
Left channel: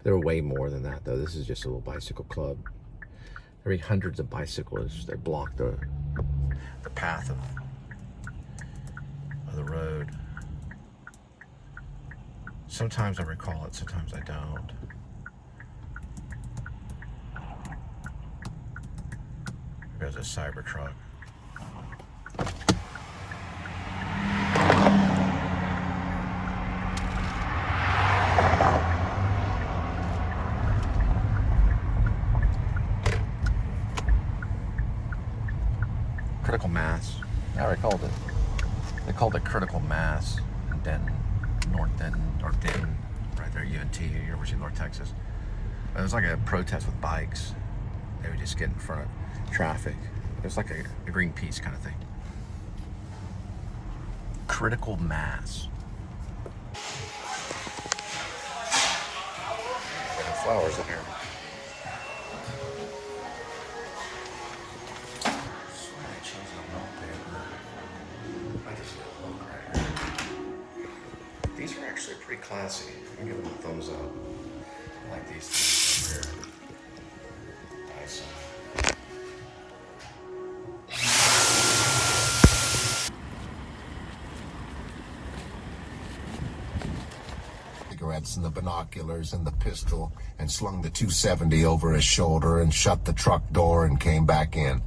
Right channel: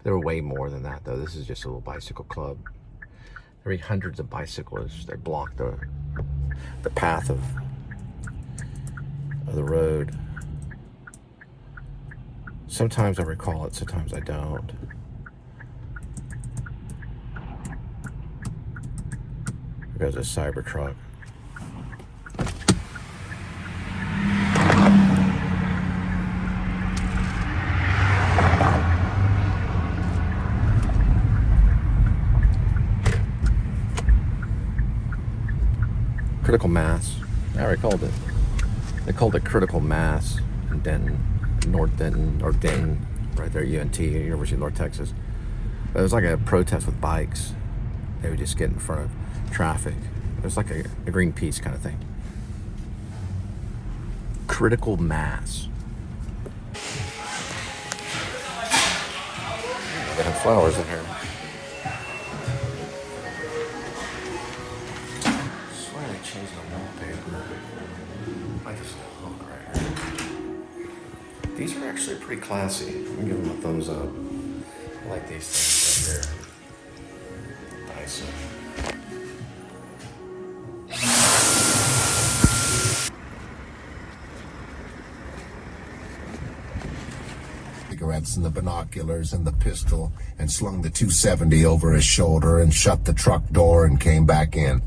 There were way more than that, though. This is just a little bicycle club. There were hundreds of bicyclists that blocked the path of the road. Sometimes I recall it, sometimes I don't. There goes a Cybertruck. Critical mass. I already called it. They called it critical mass in Denton. North Denton, or Denton, right there, UNT, University of North Texas. But it was like a protest with bikes. They would just get in front of traffic. It was like a Greenpeace kind of thing. Critical mass. They have flowers in here. I swear they changed the wallpaper. These are actually pretty classy. I'm giving them a thumbs up. I like these things right here. Nice. cigarettes and the binoculars and the pistol and slung the .270 over his shoulder and shut the truck door and came back in.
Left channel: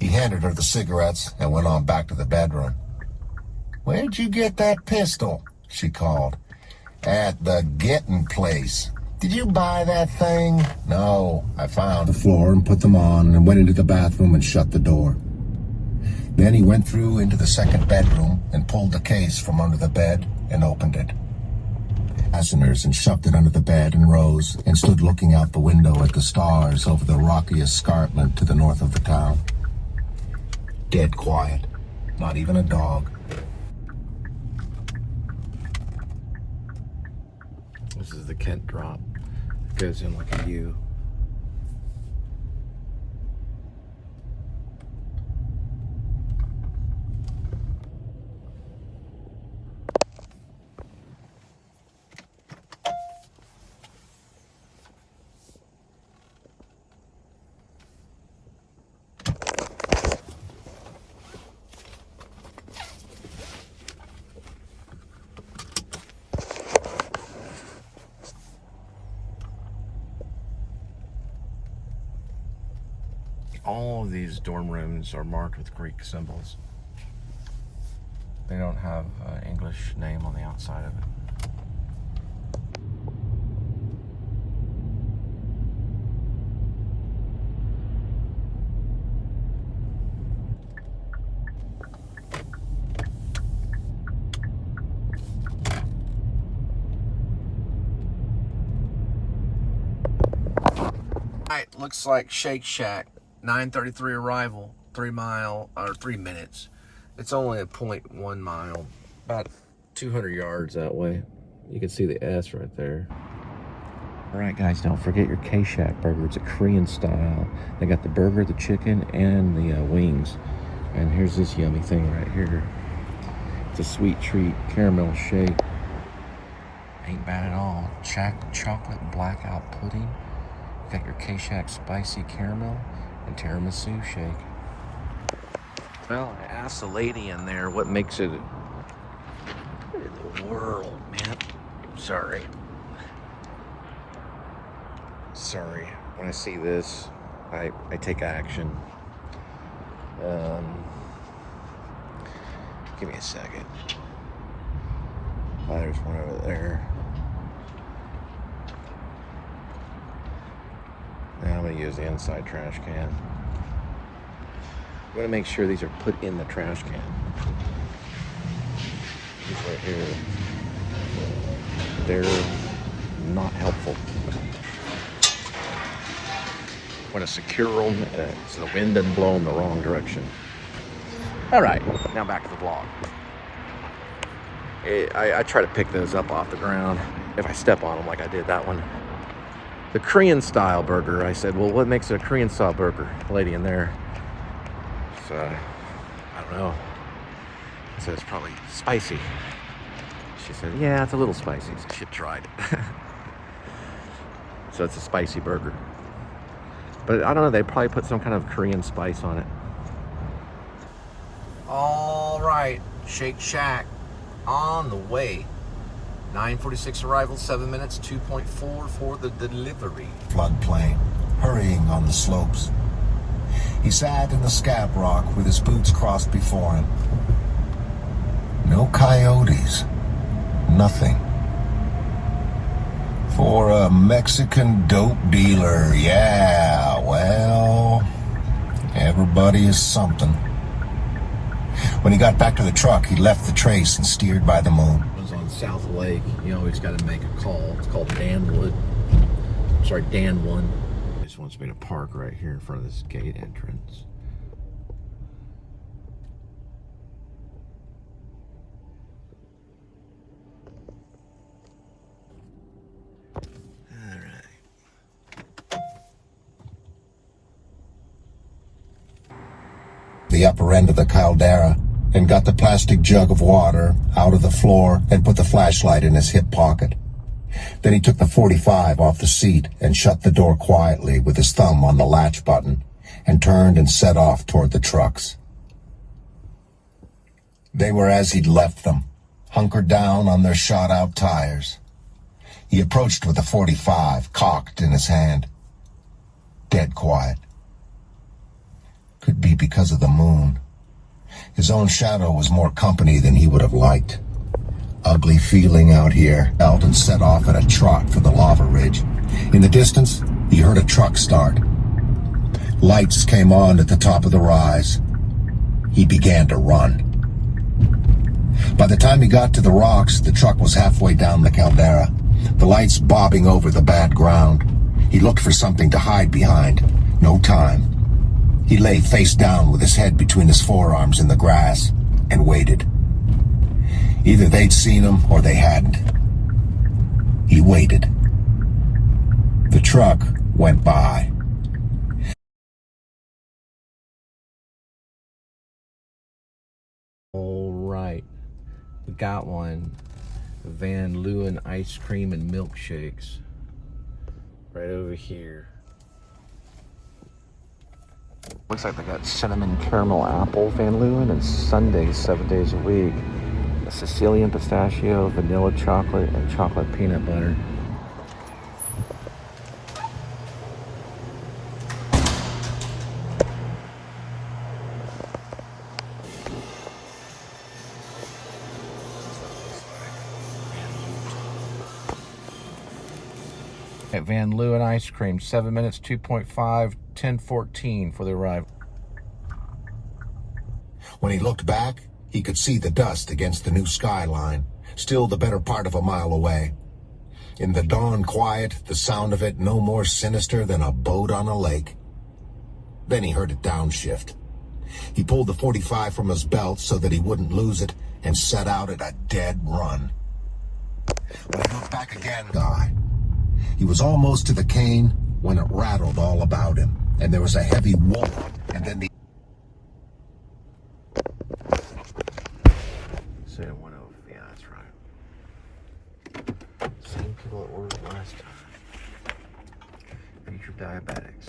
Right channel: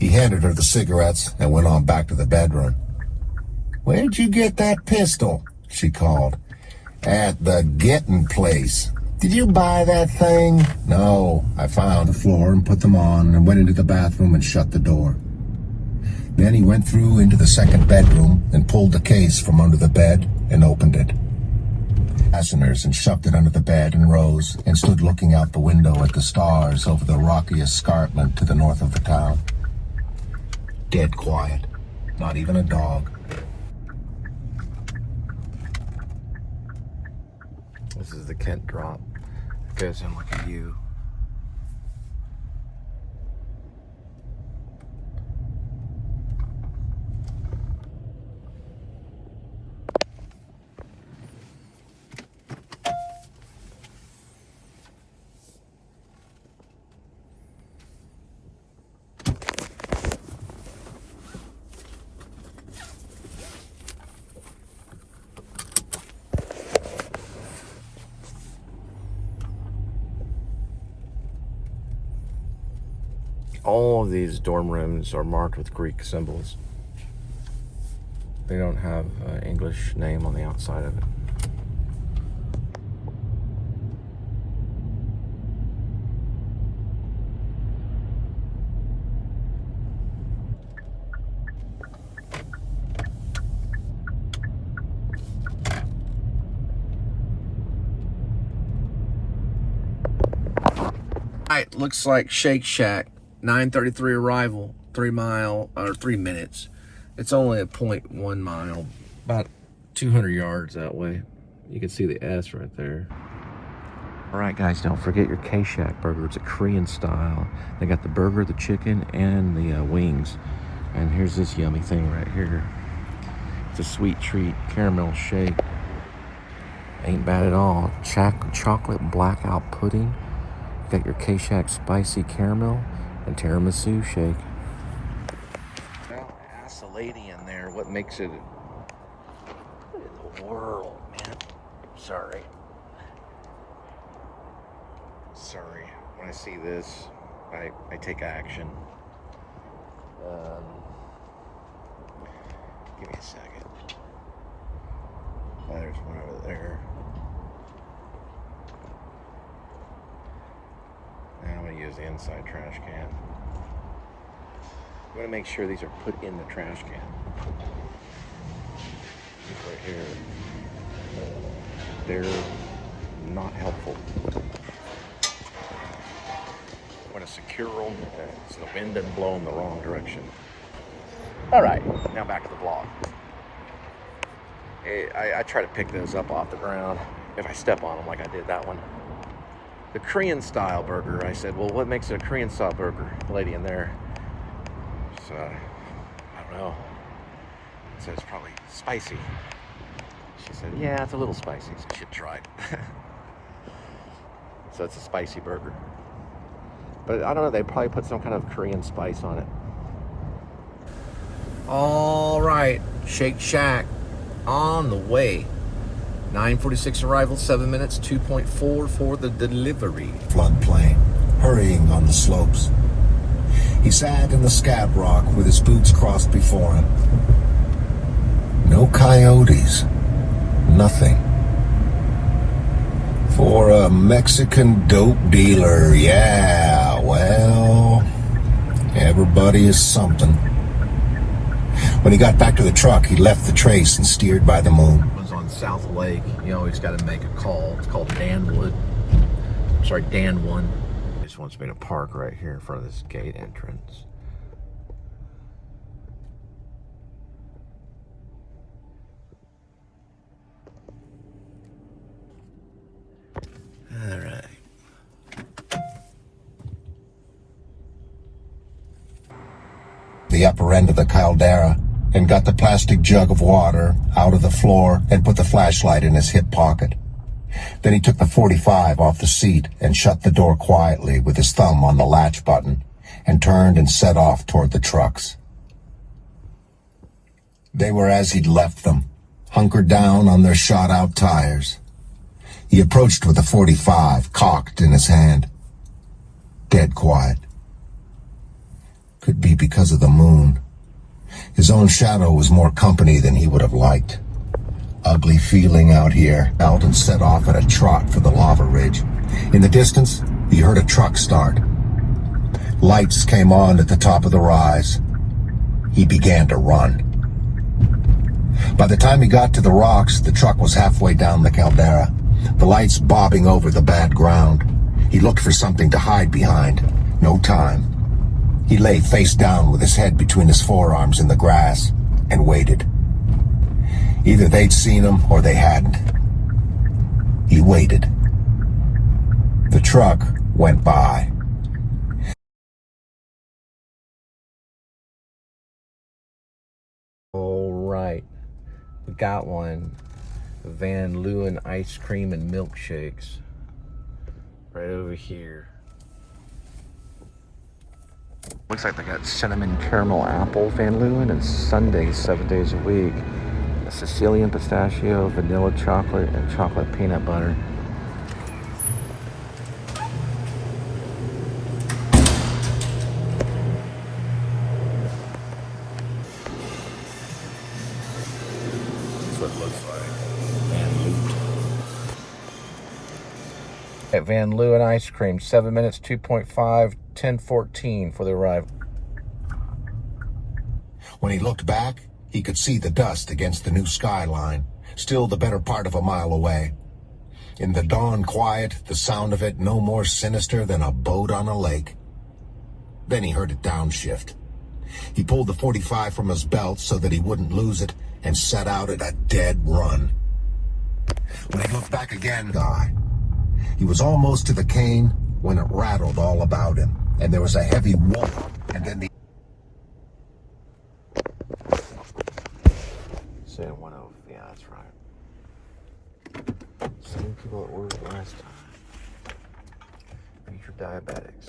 He handed her the cigarettes and went on back to the bedroom. "Where'd you get that pistol?" she called. "At the Gettin' place." "Did you buy that thing?" "No, I found the floor and put them on and went into the bathroom and shut the door." Then he went through into the second bedroom and pulled the case from under the bed and opened it. Fasteners and shoved it under the bed and rose and stood looking out the window at the stars over the rocky escarpment to the north of the town. Dead quiet. Not even a dog. This is the Kent drop. It goes in like a U. All of these dorm rooms are marked with Greek symbols. They don't have an English name on the outside of it. Alright, looks like Shake Shack. 9:33 arrival, 3 minutes. It's only a 0.1 mile, about 200 yards that way. You can see the S right there. All right, guys, don't forget your K-Shack burger. It's a Korean style. They got the burger, the chicken, and the wings. And here's this yummy thing right here. It's a sweet treat, caramel shake. Ain't bad at all. Chocolate blackout pudding. You got your K-Shack spicy caramel and tiramisu shake. Well, I asked the lady in there what makes it in the world, man. Sorry. When I see this, I take action. Give me a second. Oh, there's one over there. Now I'm going to use the inside trash can. I'm going to make sure these are put in the trash can. These right here, they're not helpful. I want to secure them so the wind doesn't blow them the wrong direction. All right, now back to the vlog. I try to pick those up off the ground if I step on them like I did that one. The Korean style burger. I said, well, what makes it a Korean style burger? The lady in there. So, I don't know. I said, it's probably spicy. She said, yeah, it's a little spicy. So she tried it. So it's a spicy burger. But I don't know, they probably put some kind of Korean spice on it. All right, Shake Shack on the way. 9:46 arrival, 7 minutes, 2.4 for the delivery. Floodplain, hurrying on the slopes. He sat in the scab rock with his boots crossed before him. No coyotes. Nothing. For a Mexican dope dealer, yeah, well, everybody is something. When he got back to the truck, he left the trace and steered by the moon. It was on South Lake. You always got to make a call. It's called Danwood. Sorry, Dan1. He just wants me to park right here in front of this gate entrance. All right. The upper end of the caldera and got the plastic jug of water out of the floor and put the flashlight in his hip pocket. Then he took the .45 off the seat and shut the door quietly with his thumb on the latch button and turned and set off toward the trucks. They were as he'd left them, hunkered down on their shot-out tires. He approached with a .45 cocked in his hand. Dead quiet. Could be because of the moon. His own shadow was more company than he would have liked. Ugly feeling out here. Eldon set off at a trot for the lava ridge. In the distance, he heard a truck start. Lights came on at the top of the rise. He began to run. By the time he got to the rocks, the truck was halfway down the caldera, the lights bobbing over the bad ground. He looked for something to hide behind. No time. He lay face down with his head between his forearms in the grass and waited. Either they'd seen him or they hadn't. He waited. The truck went by. All right, we got one. Van Leeuwen ice cream and milkshakes. Right over here. Looks like they got cinnamon caramel apple Van Leeuwen and sundaes 7 days a week. A Sicilian pistachio, vanilla chocolate, and chocolate peanut butter. That's what it looks like. Van Leeuwen. At Van Leeuwen ice cream, 7 minutes, 2.5, 10:14 for the arrival. When he looked back, he could see the dust against the new skyline, still the better part of a mile away. In the dawn quiet, the sound of it no more sinister than a boat on a lake. Then he heard it downshift. He pulled the .45 from his belt so that he wouldn't lose it and set out at a dead run. When he looked back again, he was almost to the cane when it rattled all about him, and there was a heavy whoop, and then the Saying 1 over. Yeah, that's right. Same people that ordered last time. Future diabetics.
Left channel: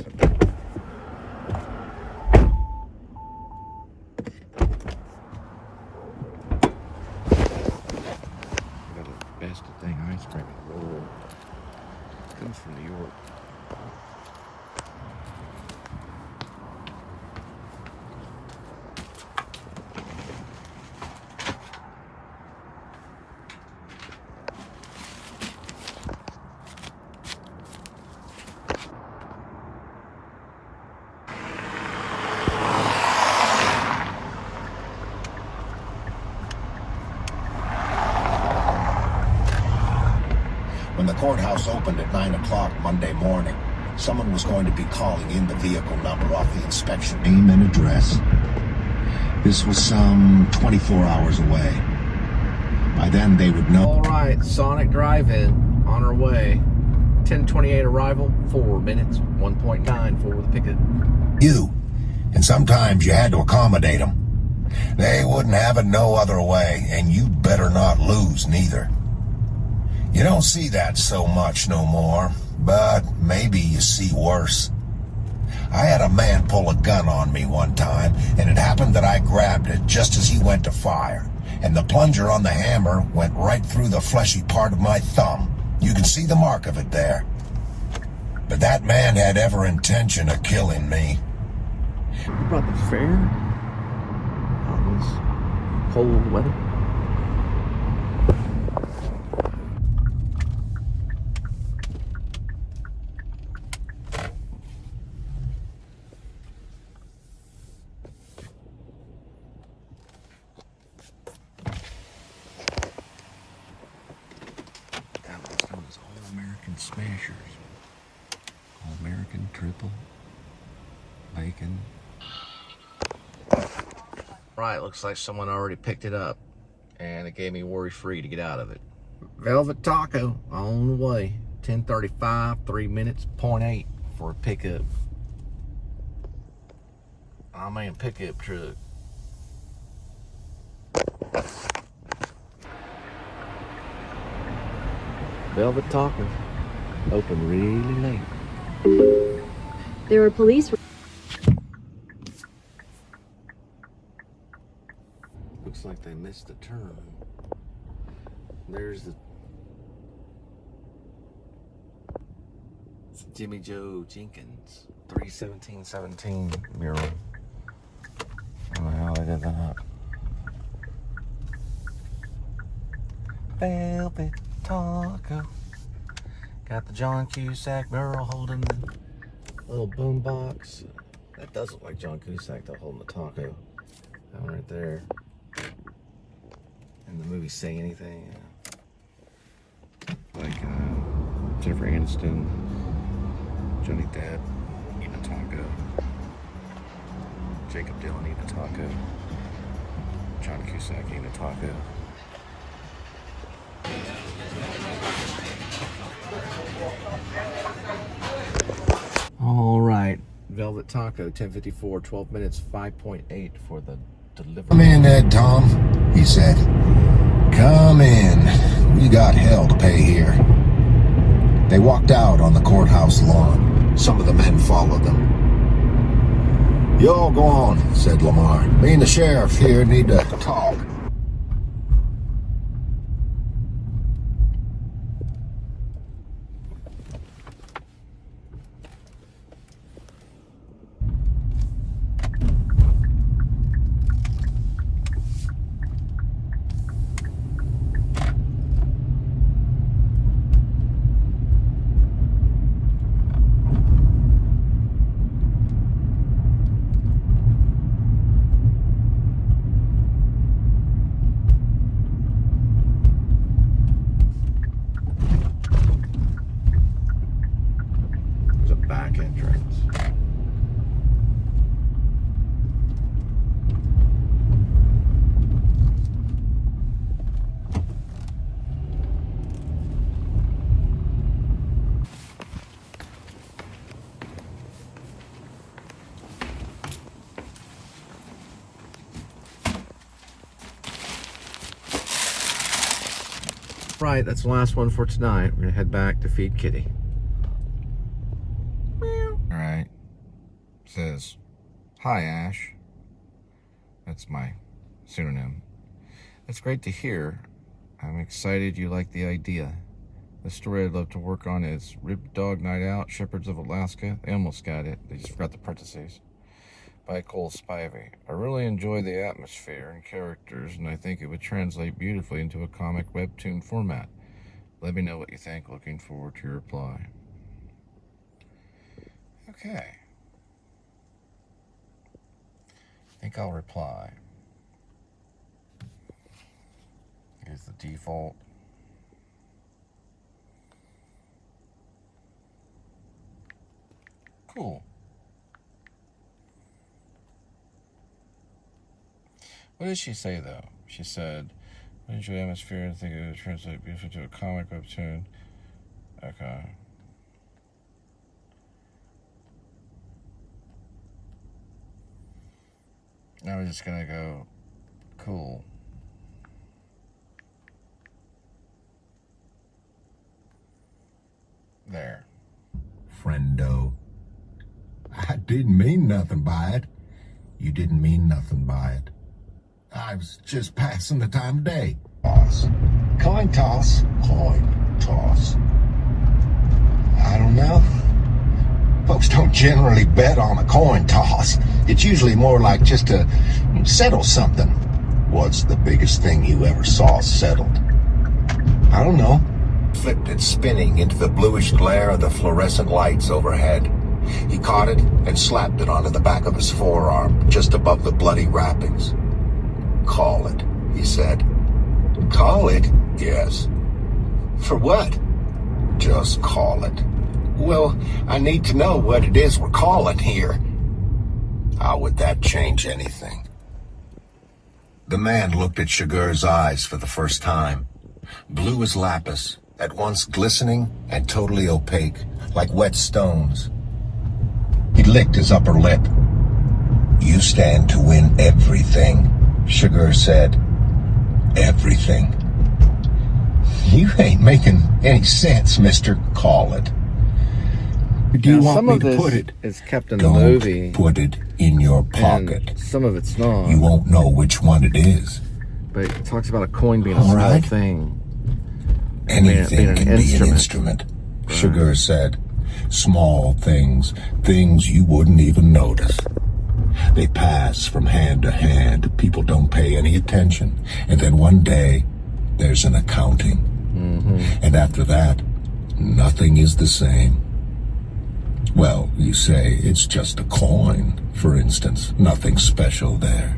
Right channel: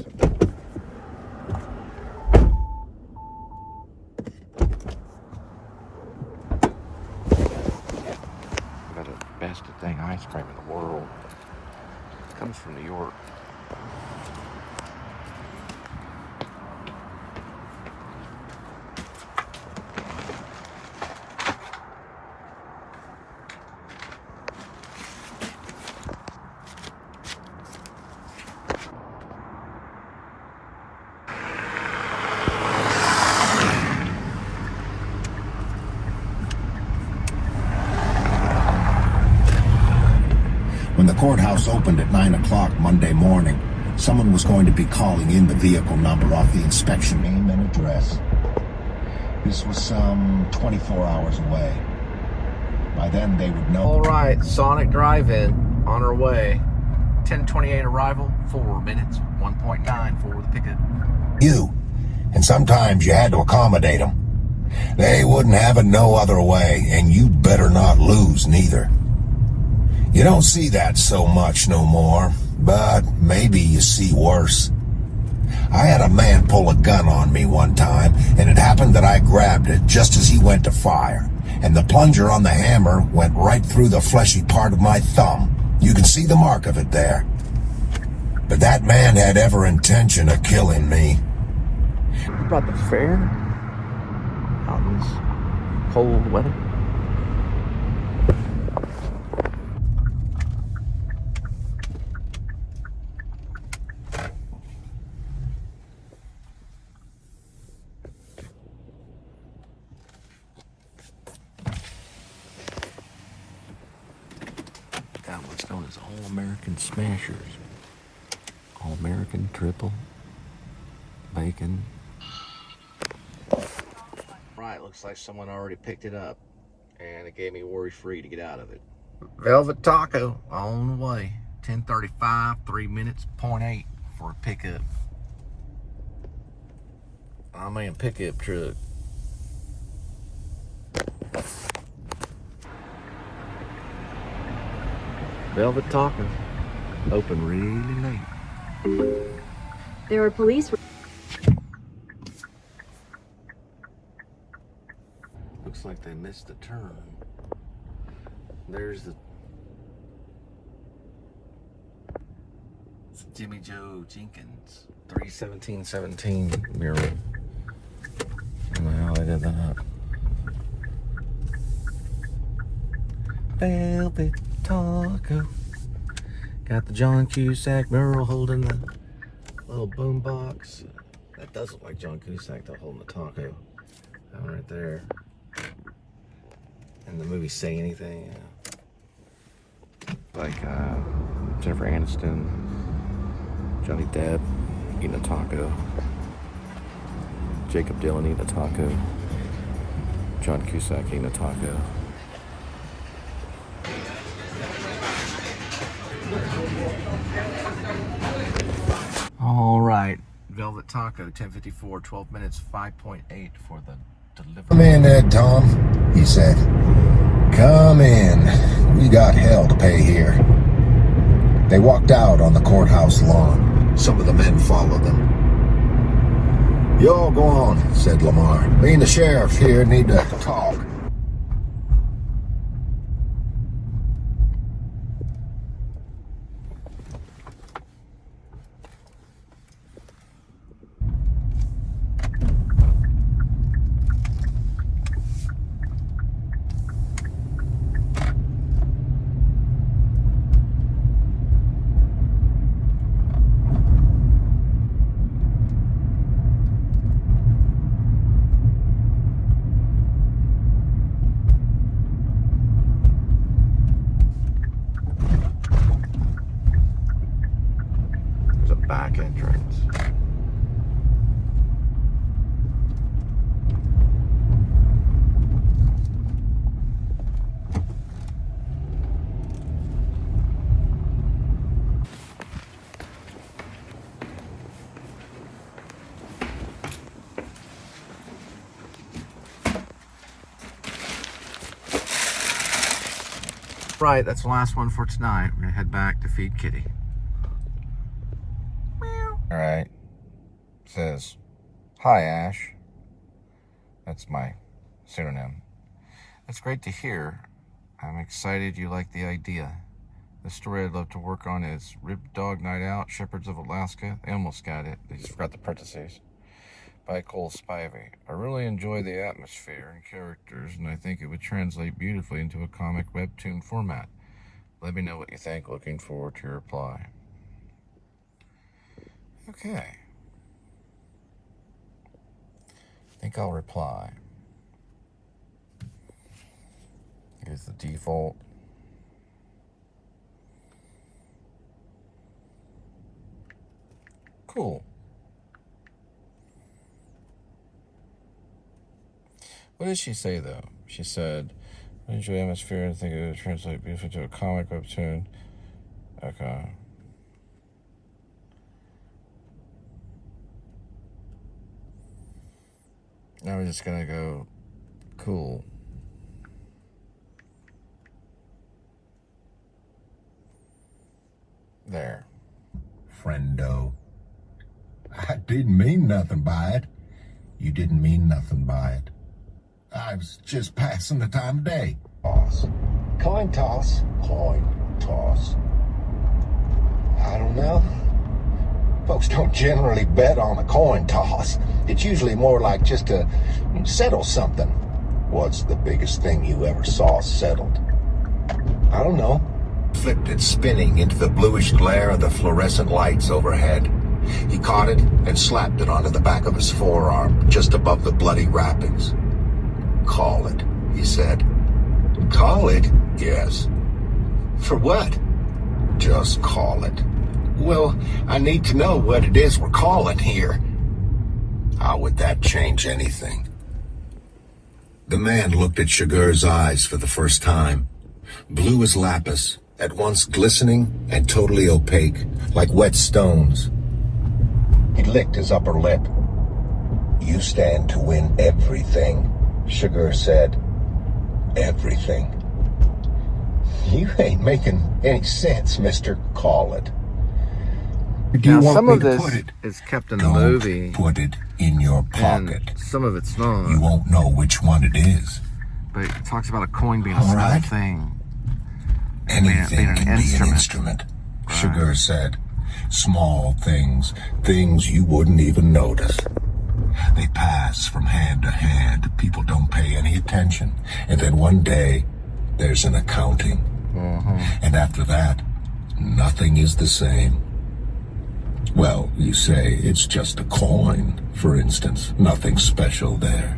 We got the best thing ice cream in the world. Comes from New York. When the courthouse opened at 9 o'clock Monday morning, someone was going to be calling in the vehicle number off the inspection name and address. This was some 24 hours away. By then they would know. All right, Sonic Drive-In on our way. 10:28 arrival, 4 minutes, 1.9 for the pickup. You, and sometimes you had to accommodate them. They wouldn't have it no other way, and you better not lose neither. You don't see that so much no more, but maybe you see worse. I had a man pull a gun on me one time, and it happened that I grabbed it just as he went to fire, and the plunger on the hammer went right through the fleshy part of my thumb. You can see the mark of it there. But that man had every intention of killing me. About the fair? Out in this cold weather? Got what's known as All-American Smashers. All-American triple bacon. Right, looks like someone already picked it up, and it gave me worry-free to get out of it. Velvet Taco on the way. 10:35, 3 minutes, 0.8 for a pickup. I mean, pickup truck. Velvet Taco open really late. There were police. Looks like they missed the turn. There's the Jimmy Joe Jenkins. 31717 mural. I don't know how they did that. Velvet Taco. Got the John Cusack mural holding the little boom box. That does look like John Cusack though, holding the taco. That one right there. In the movie Say Anything. Like Jennifer Aniston, Johnny Depp eating a taco. Jacob Dylan eating a taco. John Cusack eating a taco. All right, Velvet Taco, 10:54, 12 minutes, 5.8 for the delivery. Come in, Ed Tom, he said. Come in. We got hell to pay here. They walked out on the courthouse lawn. Some of the men followed them. You all go on, said Lamar. Me and the sheriff here need to talk. Back entrance. Right, that's the last one for tonight. We're gonna head back to feed Kitty. All right, it says, "Hi, Ash." That's my pseudonym. That's great to hear. I'm excited you like the idea. The story I'd love to work on is Rib Dog Night Out, Shepherds of Alaska. They almost got it. They just forgot the parentheses. By Cole Spivey. I really enjoy the atmosphere and characters, and I think it would translate beautifully into a comic webtoon format. Let me know what you think. Looking forward to your reply. Okay. I think I'll reply. Here's the default. Cool. What did she say though? She said, I enjoy the atmosphere and think it would translate beautifully to a comic webtoon. Okay. Now we're just gonna go cool. There. Friendo. I didn't mean nothing by it. You didn't mean nothing by it. I was just passing the time of day. Toss. Coin toss. Coin toss. I don't know. Folks don't generally bet on a coin toss. It's usually more like just to settle something. What's the biggest thing you ever saw settled? I don't know. Flipped it spinning into the bluish glare of the fluorescent lights overhead. He caught it and slapped it onto the back of his forearm, just above the bloody wrappings. Call it, he said. Call it? Yes. For what? Just call it. Well, I need to know what it is we're calling here. How would that change anything? The man looked at Shagur's eyes for the first time. Blue as lapis, at once glistening and totally opaque, like wet stones. He licked his upper lip. You stand to win everything, Shagur said. Everything. You ain't making any sense, mister. Call it. Do you want me to put it? It's kept in the movie. Put it in your pocket. Some of it's not. You won't know which one it is. But it talks about a coin being a small right. thing. Anything being an can be an instrument. instrument, Shagur said. Small things, things you wouldn't even notice. They pass from hand to hand. People don't pay any attention. And then one day, there's an accounting. And after that, nothing is the same. Well, you say it's just a coin, for instance. Nothing special there.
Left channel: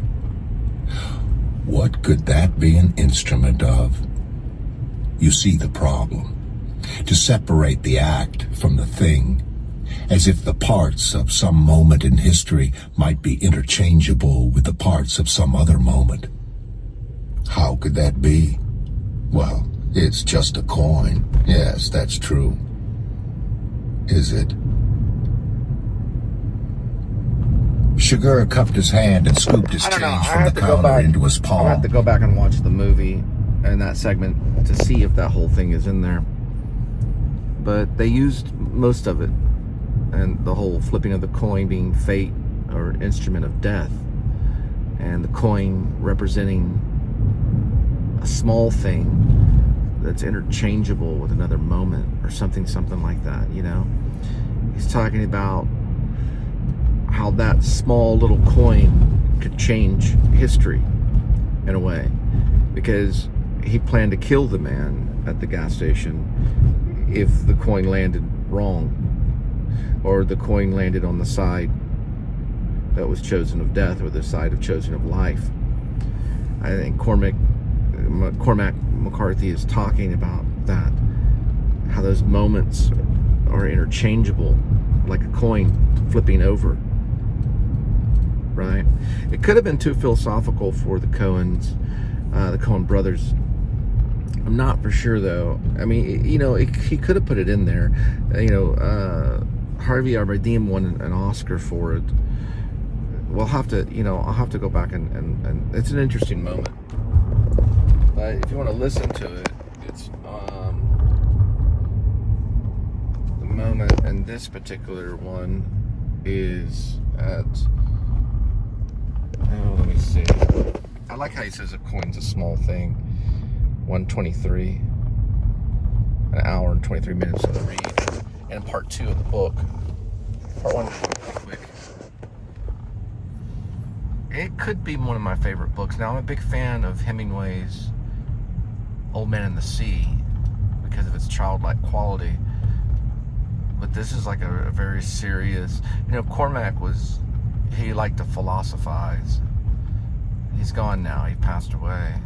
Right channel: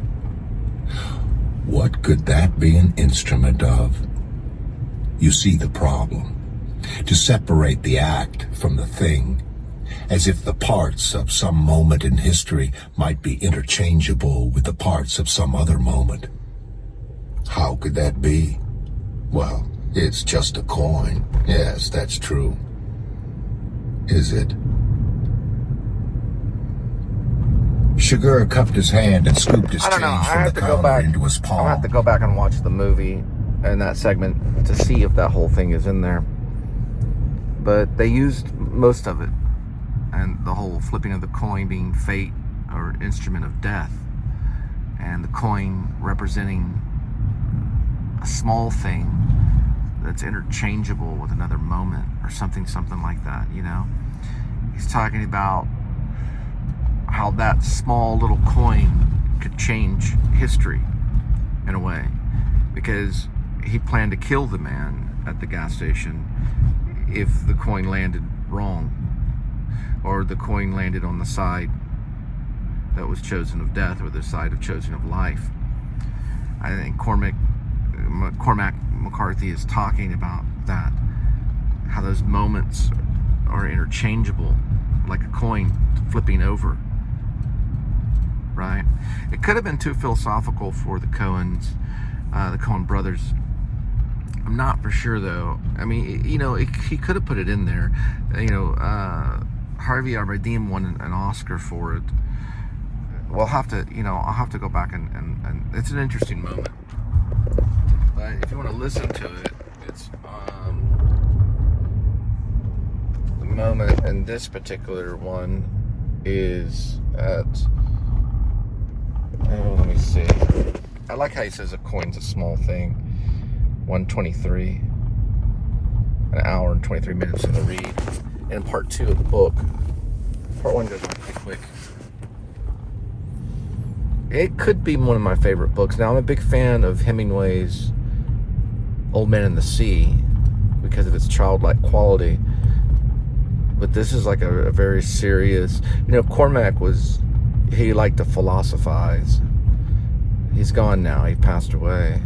What could that be an instrument of? You see the problem. To separate the act from the thing, as if the parts of some moment in history might be interchangeable with the parts of some other moment. How could that be? Well, it's just a coin. Yes, that's true. Is it? Sugar cupped his hand and scooped his change from the counter into his palm. I'll have to go back and watch the movie and that segment to see if that whole thing is in there. But they used most of it. And the whole flipping of the coin being fate or instrument of death. And the coin representing a small thing that's interchangeable with another moment or something like that, you know? He's talking about how that small little coin could change history in a way, because he planned to kill the man at the gas station if the coin landed wrong, or the coin landed on the side that was chosen of death or the side of chosen of life. I think Cormac McCarthy is talking about that, how those moments are interchangeable, like a coin flipping over. Right? It could have been too philosophical for the Coen brothers. I'm not for sure though. I mean, you know, he could have put it in there. You know, Harvey Arberdeen won an Oscar for it. We'll have to, you know, I'll have to go back and it's an interesting moment. But if you want to listen to it, it's the moment in this particular one is at. Let me see. I like how he says a coin's a small thing. 1:23. An hour and 23 minutes of the read. And part 2 of the book. Part 1 goes pretty quick. It could be one of my favorite books. Now, I'm a big fan of Hemingway's Old Man and the Sea because of its childlike quality. But this is like a very serious... You know, Cormac he liked to philosophize. He's gone now, he passed away.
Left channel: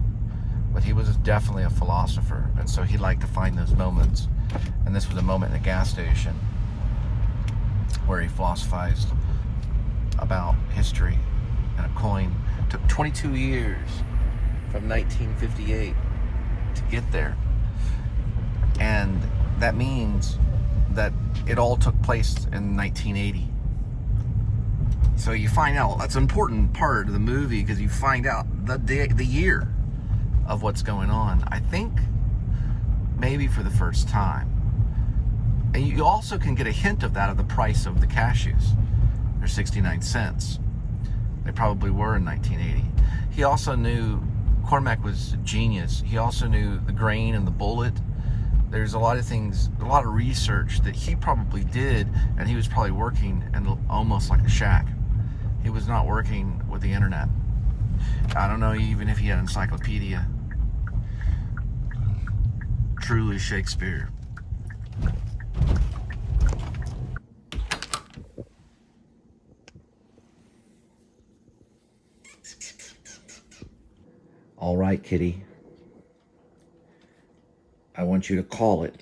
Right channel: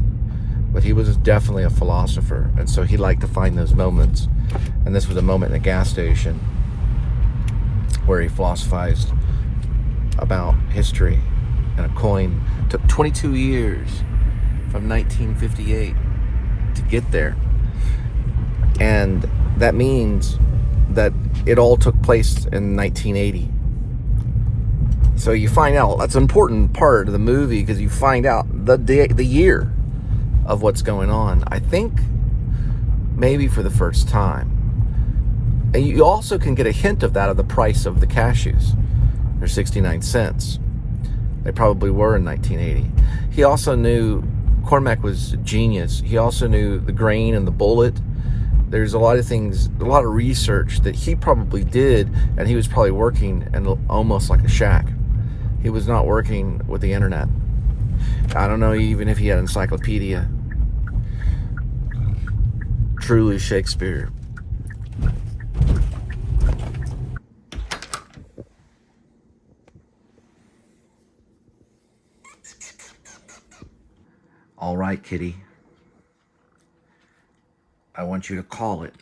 But he was definitely a philosopher, and so he liked to find those moments. And this was a moment in a gas station where he philosophized about history and a coin. It took 22 years from 1958 to get there. And that means that it all took place in 1980. So you find out, that's an important part of the movie, because you find out the year of what's going on. I think maybe for the first time. And you also can get a hint of that of the price of the cashews. They're 69 cents. They probably were in 1980. He also knew, Cormac was a genius. He also knew the grain and the bullet. There's a lot of things, a lot of research that he probably did, and he was probably working in almost like a shack. He was not working with the internet. I don't know even if he had an encyclopedia. Truly Shakespeare. All right, kitty. I want you to call it.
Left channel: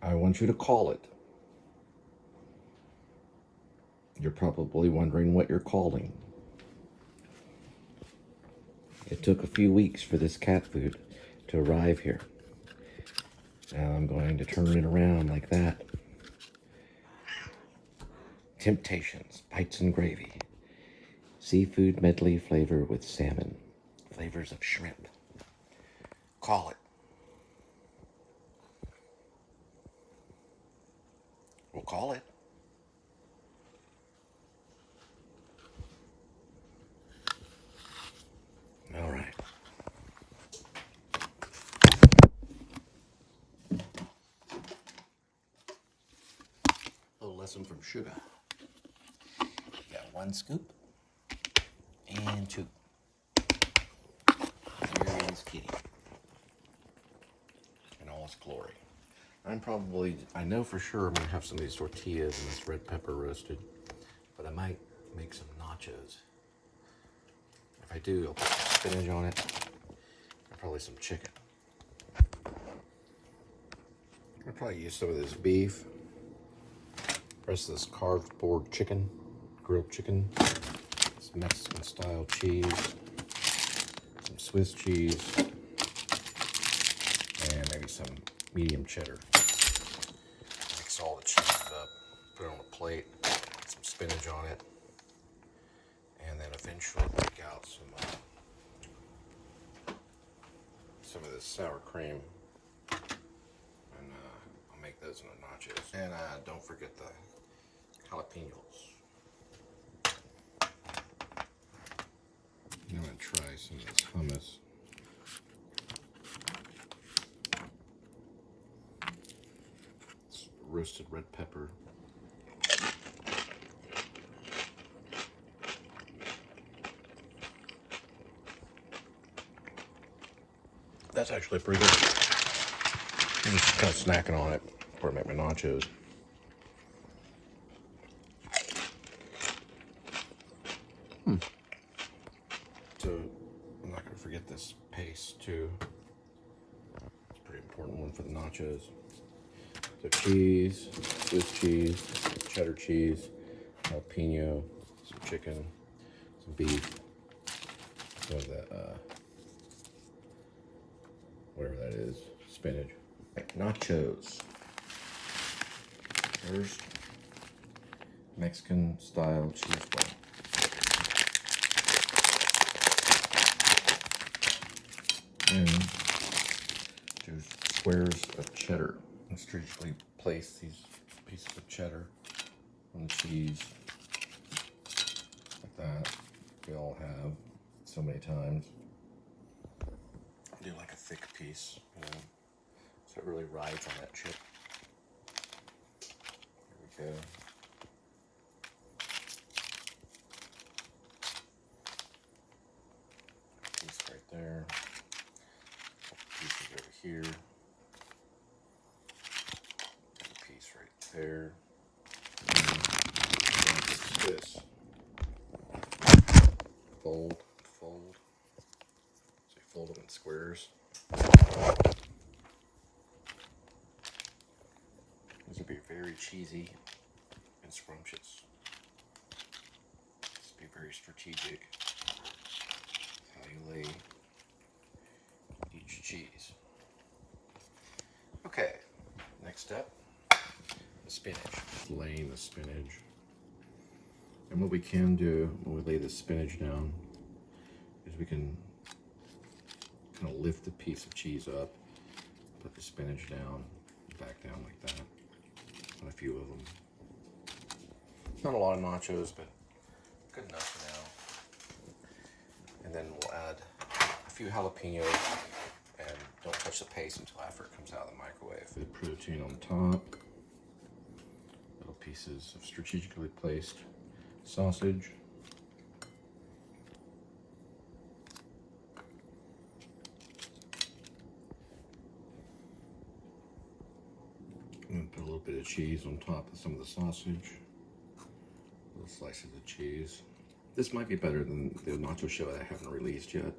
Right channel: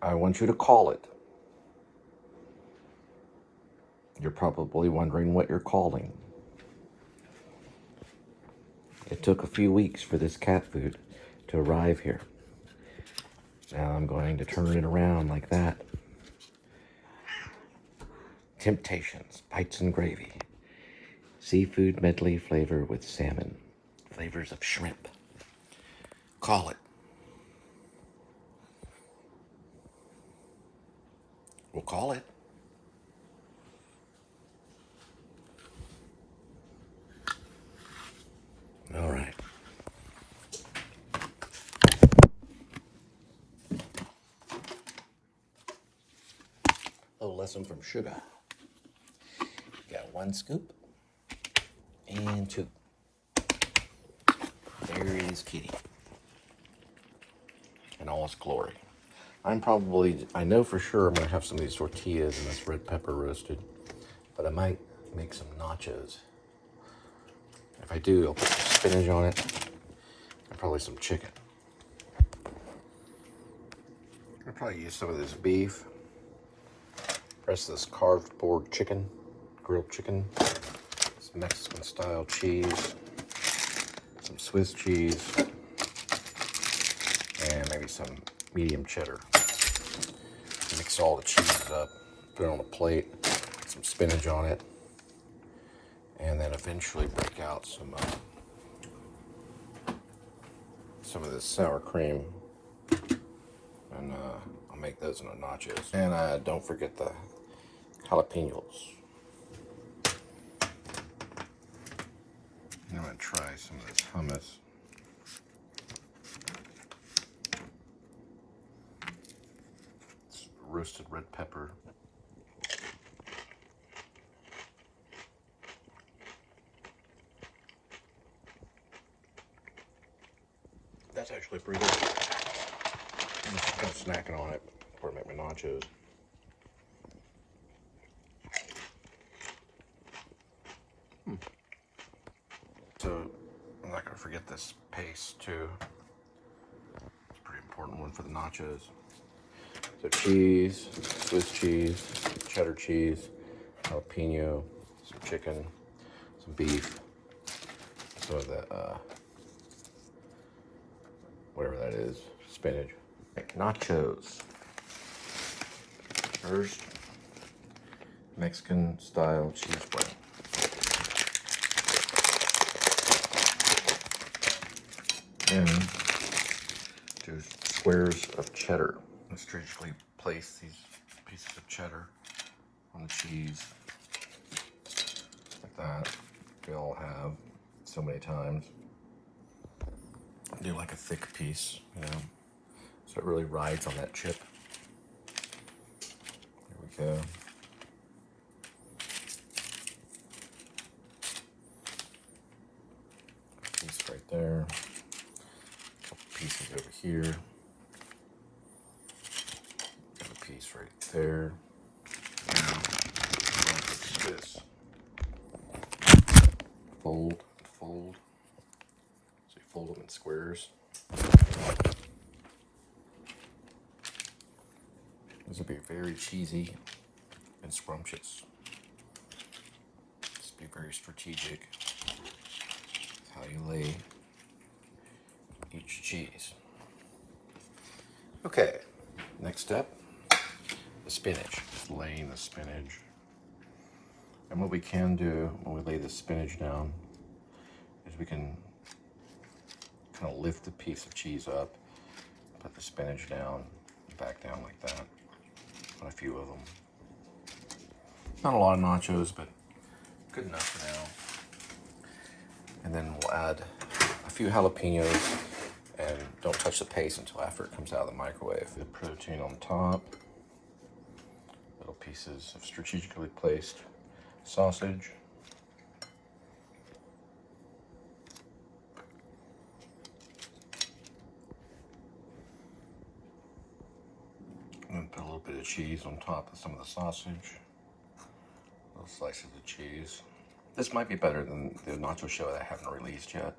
I want you to call it. You're probably wondering what you're calling. It took a few weeks for this cat food to arrive here. Now I'm going to turn it around like that. Temptations, bites and gravy. Seafood medley flavor with salmon. Flavors of shrimp. Call it. We'll call it. All right. bless them from sugar. Got 1 scoop and 2. There is Kitty in all its glory. I know for sure I'm gonna have some of these tortillas and this red pepper roasted, but I might make some nachos. If I do, I'll put some spinach on it and probably some chicken. I'll probably use some of this beef, rest of this carved board chicken, grilled chicken, some Mexican style cheese, some Swiss cheese, and maybe some medium cheddar. Mix all the cheeses up, put it on a plate, put some spinach on it, and then eventually break out some of this sour cream, and I'll make those into nachos. And don't forget the jalapenos. I'm gonna try some of this hummus. It's roasted red pepper. That's actually pretty good. I'm just kind of snacking on it before I make my nachos. So I'm not gonna forget this paste too. It's a pretty important one for the nachos. So cheese, Swiss cheese, cheddar cheese, jalapeno, some chicken, some beef, some of the whatever that is, spinach. Make nachos. First, Mexican style cheese bread. And just squares of cheddar. Let's strategically place these pieces of cheddar on the cheese like that. We all have so many times. Do like a thick piece, you know, so it really rides on that chip. There we go. Piece right there. Couple pieces over here. Got a piece right there. This. Fold. So you fold them in squares. These would be very cheesy and scrumptious. Just be very strategic with how you lay each cheese. Okay, next step, the spinach. Just laying the spinach. And what we can do when we lay the spinach down is we can kind of lift the piece of cheese up, put the spinach down, back down like that on a few of them. Not a lot of nachos, but good enough for now. And then we'll add a few jalapenos, and don't touch the paste until after it comes out of the microwave. The protein on top, little pieces of strategically placed sausage. And put a little bit of cheese on top of some of the sausage. Little slices of cheese. This might be better than the nacho show that I haven't released yet.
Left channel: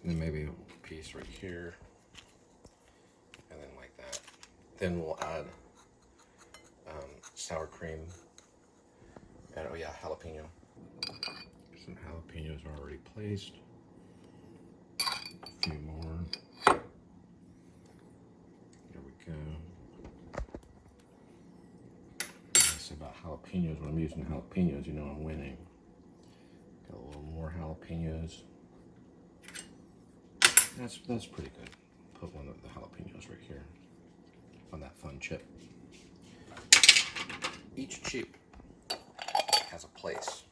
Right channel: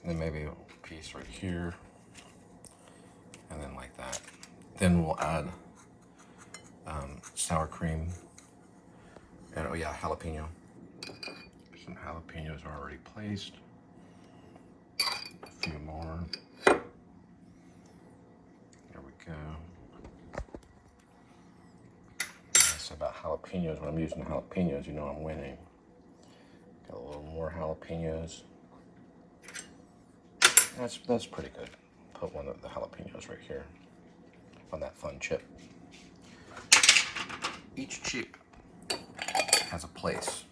And then maybe a piece right here. And then like that. Then we'll add sour cream. And oh yeah, jalapeno. Some jalapenos are already placed. A few more. There we go. That's about jalapenos. When I'm using jalapenos, you know I'm winning. Got a little more jalapenos. That's pretty good. Put one of the jalapenos right here on that fun chip. Each chip has a place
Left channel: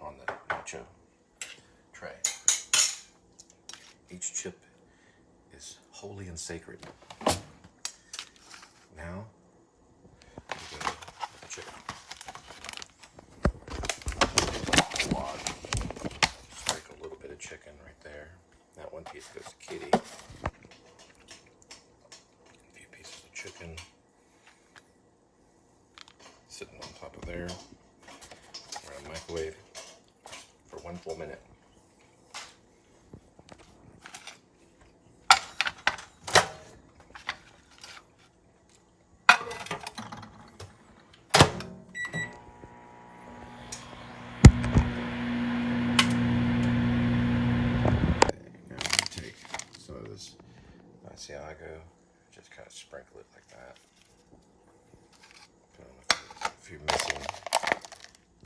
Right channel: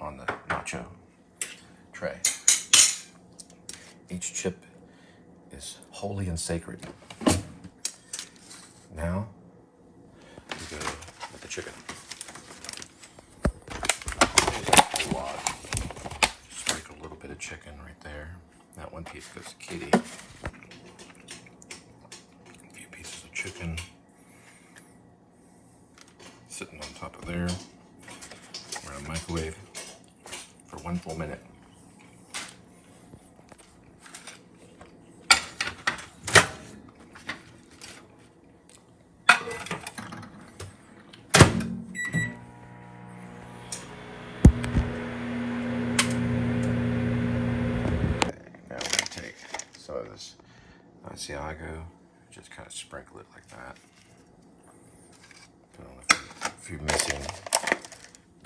on the nacho tray. Each chip is holy and sacred. Now, we go with the chicken. Just like a little bit of chicken right there. That one piece goes to Kitty. A few pieces of chicken sitting on top of there. We're gonna microwave for 1 full minute. Now we're gonna take some of this Asiago, just kind of sprinkle it like that. Put on a few missing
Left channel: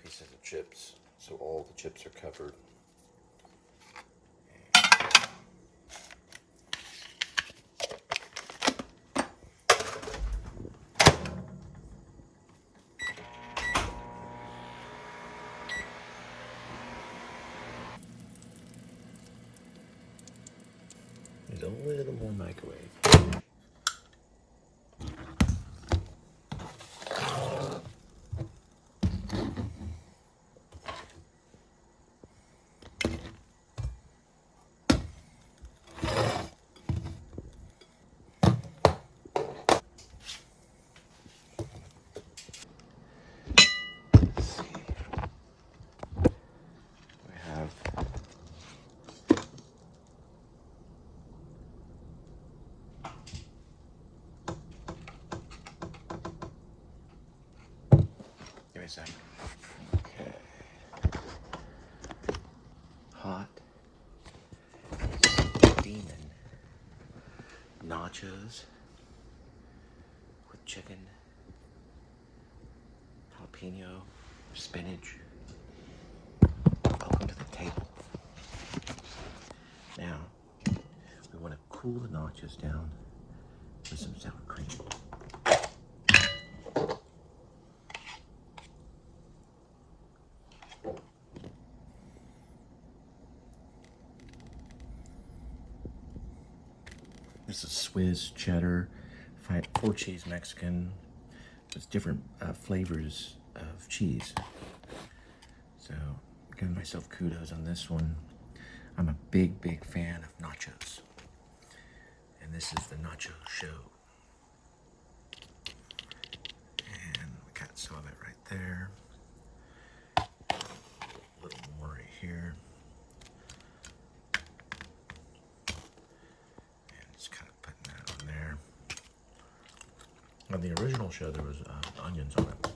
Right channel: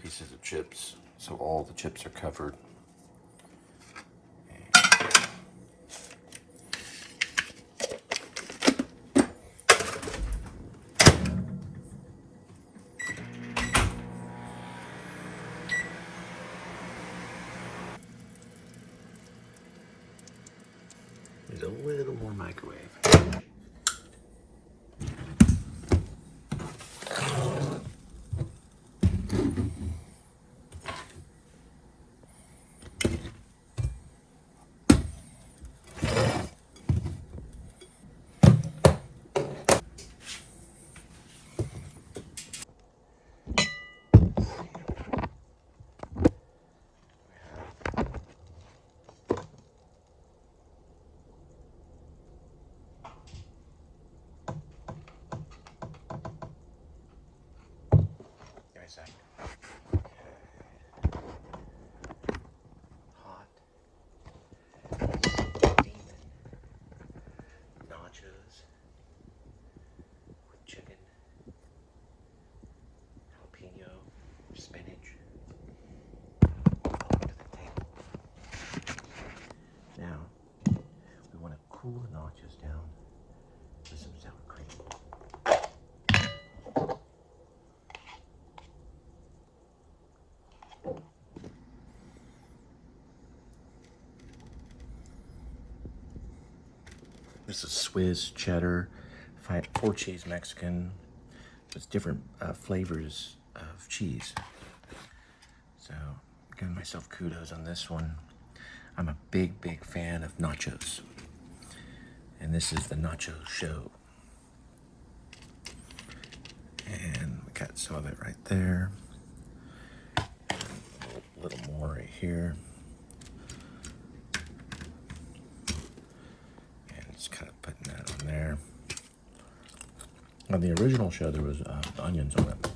pieces of chips, so all the chips are covered. There's a little more microwave. Give me a second. Okay. Hot demon nachos with chicken, jalapeno, spinach. Welcome to the table. Now, we want to cool the nachos down with some sour cream. This is Swiss, cheddar, 4 cheese Mexican. It's different flavors of cheese. So, I'm giving myself kudos on this one. I'm a big, big fan of nachos. And this is the nacho show. And we got some of it right there. A little more right here. Kind of putting that on there. On the original show, there was onions on it.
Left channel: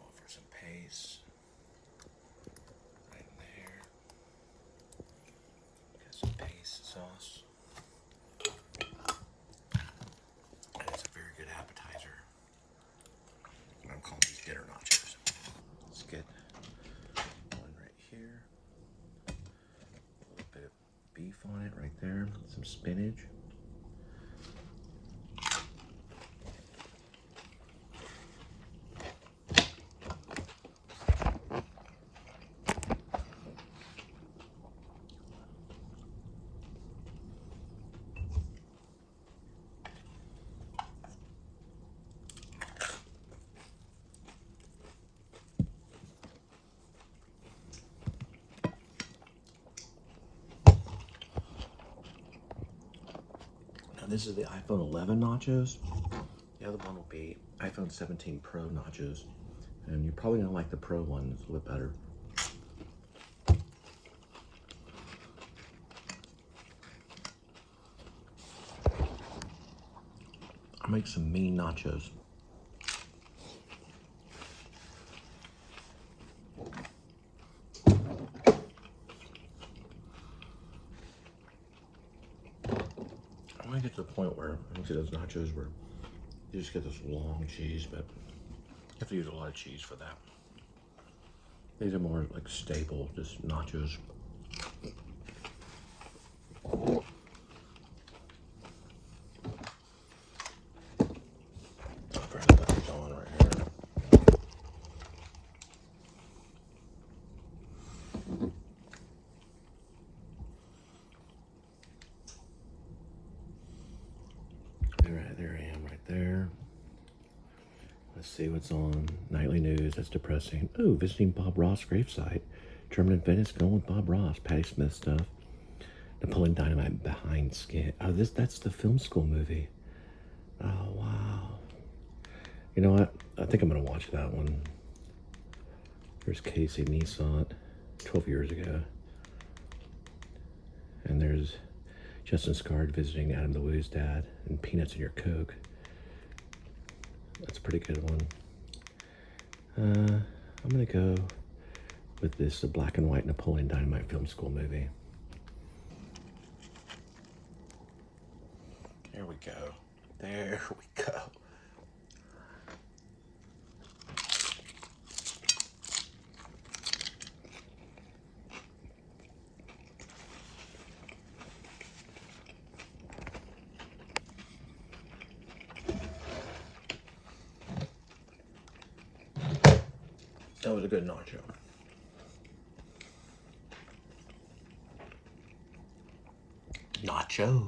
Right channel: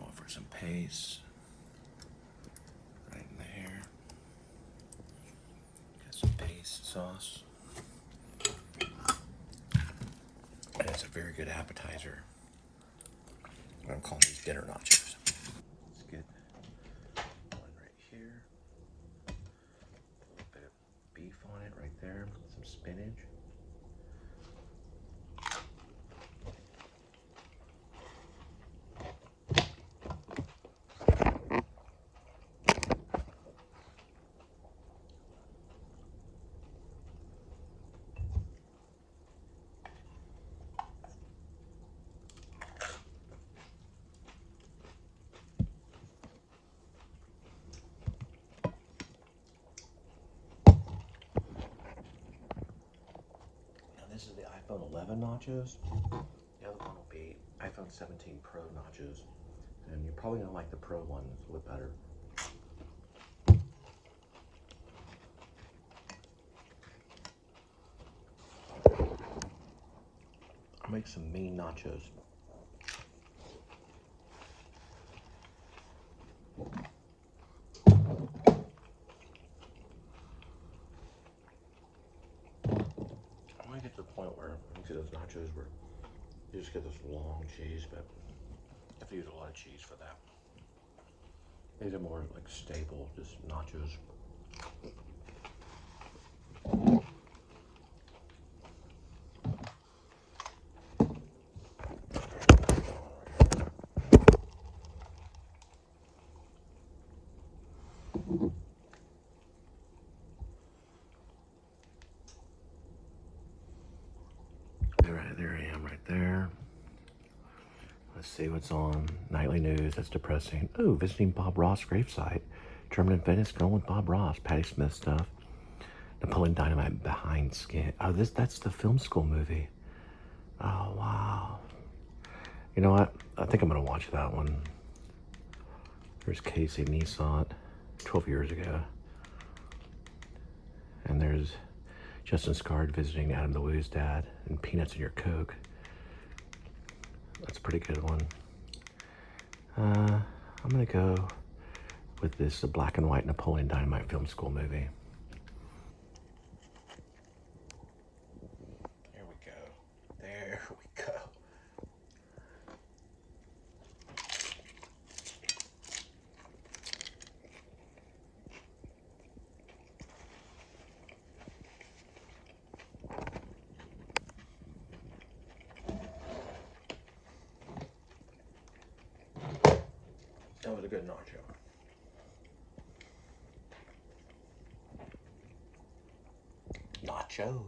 Offer some paste right in there. Got some paste sauce. And it's a very good appetizer. I'm gonna call these dinner nachos. Let's get one right here. A little bit of beef on it right there, some spinach. This is the iPhone 11 nachos. The other one will be iPhone 17 Pro nachos. And you're probably gonna like the Pro one, it's a little better. I'll make some mean nachos. I want to get to the point where you see those nachos where you just get this long cheese, but you have to use a lot of cheese for that. These are more like staple, just nachos. Let's see what's on. Nightly news, that's depressing. Oh, visiting Bob Ross gravesite. German in Venice, going with Bob Ross. Patti Smith stuff. Napoleon Dynamite behind skin. Oh, that's the film school movie. Oh, wow. You know what? I think I'm gonna watch that one. There's Casey Neisot, 12 years ago. And there's Justin Scard visiting Adam the Woo's dad and Peanuts in Your Coke. That's a pretty good one. I'm gonna go with this black and white Napoleon Dynamite film school movie. There we go. There we go. That was a good nacho. Nacho.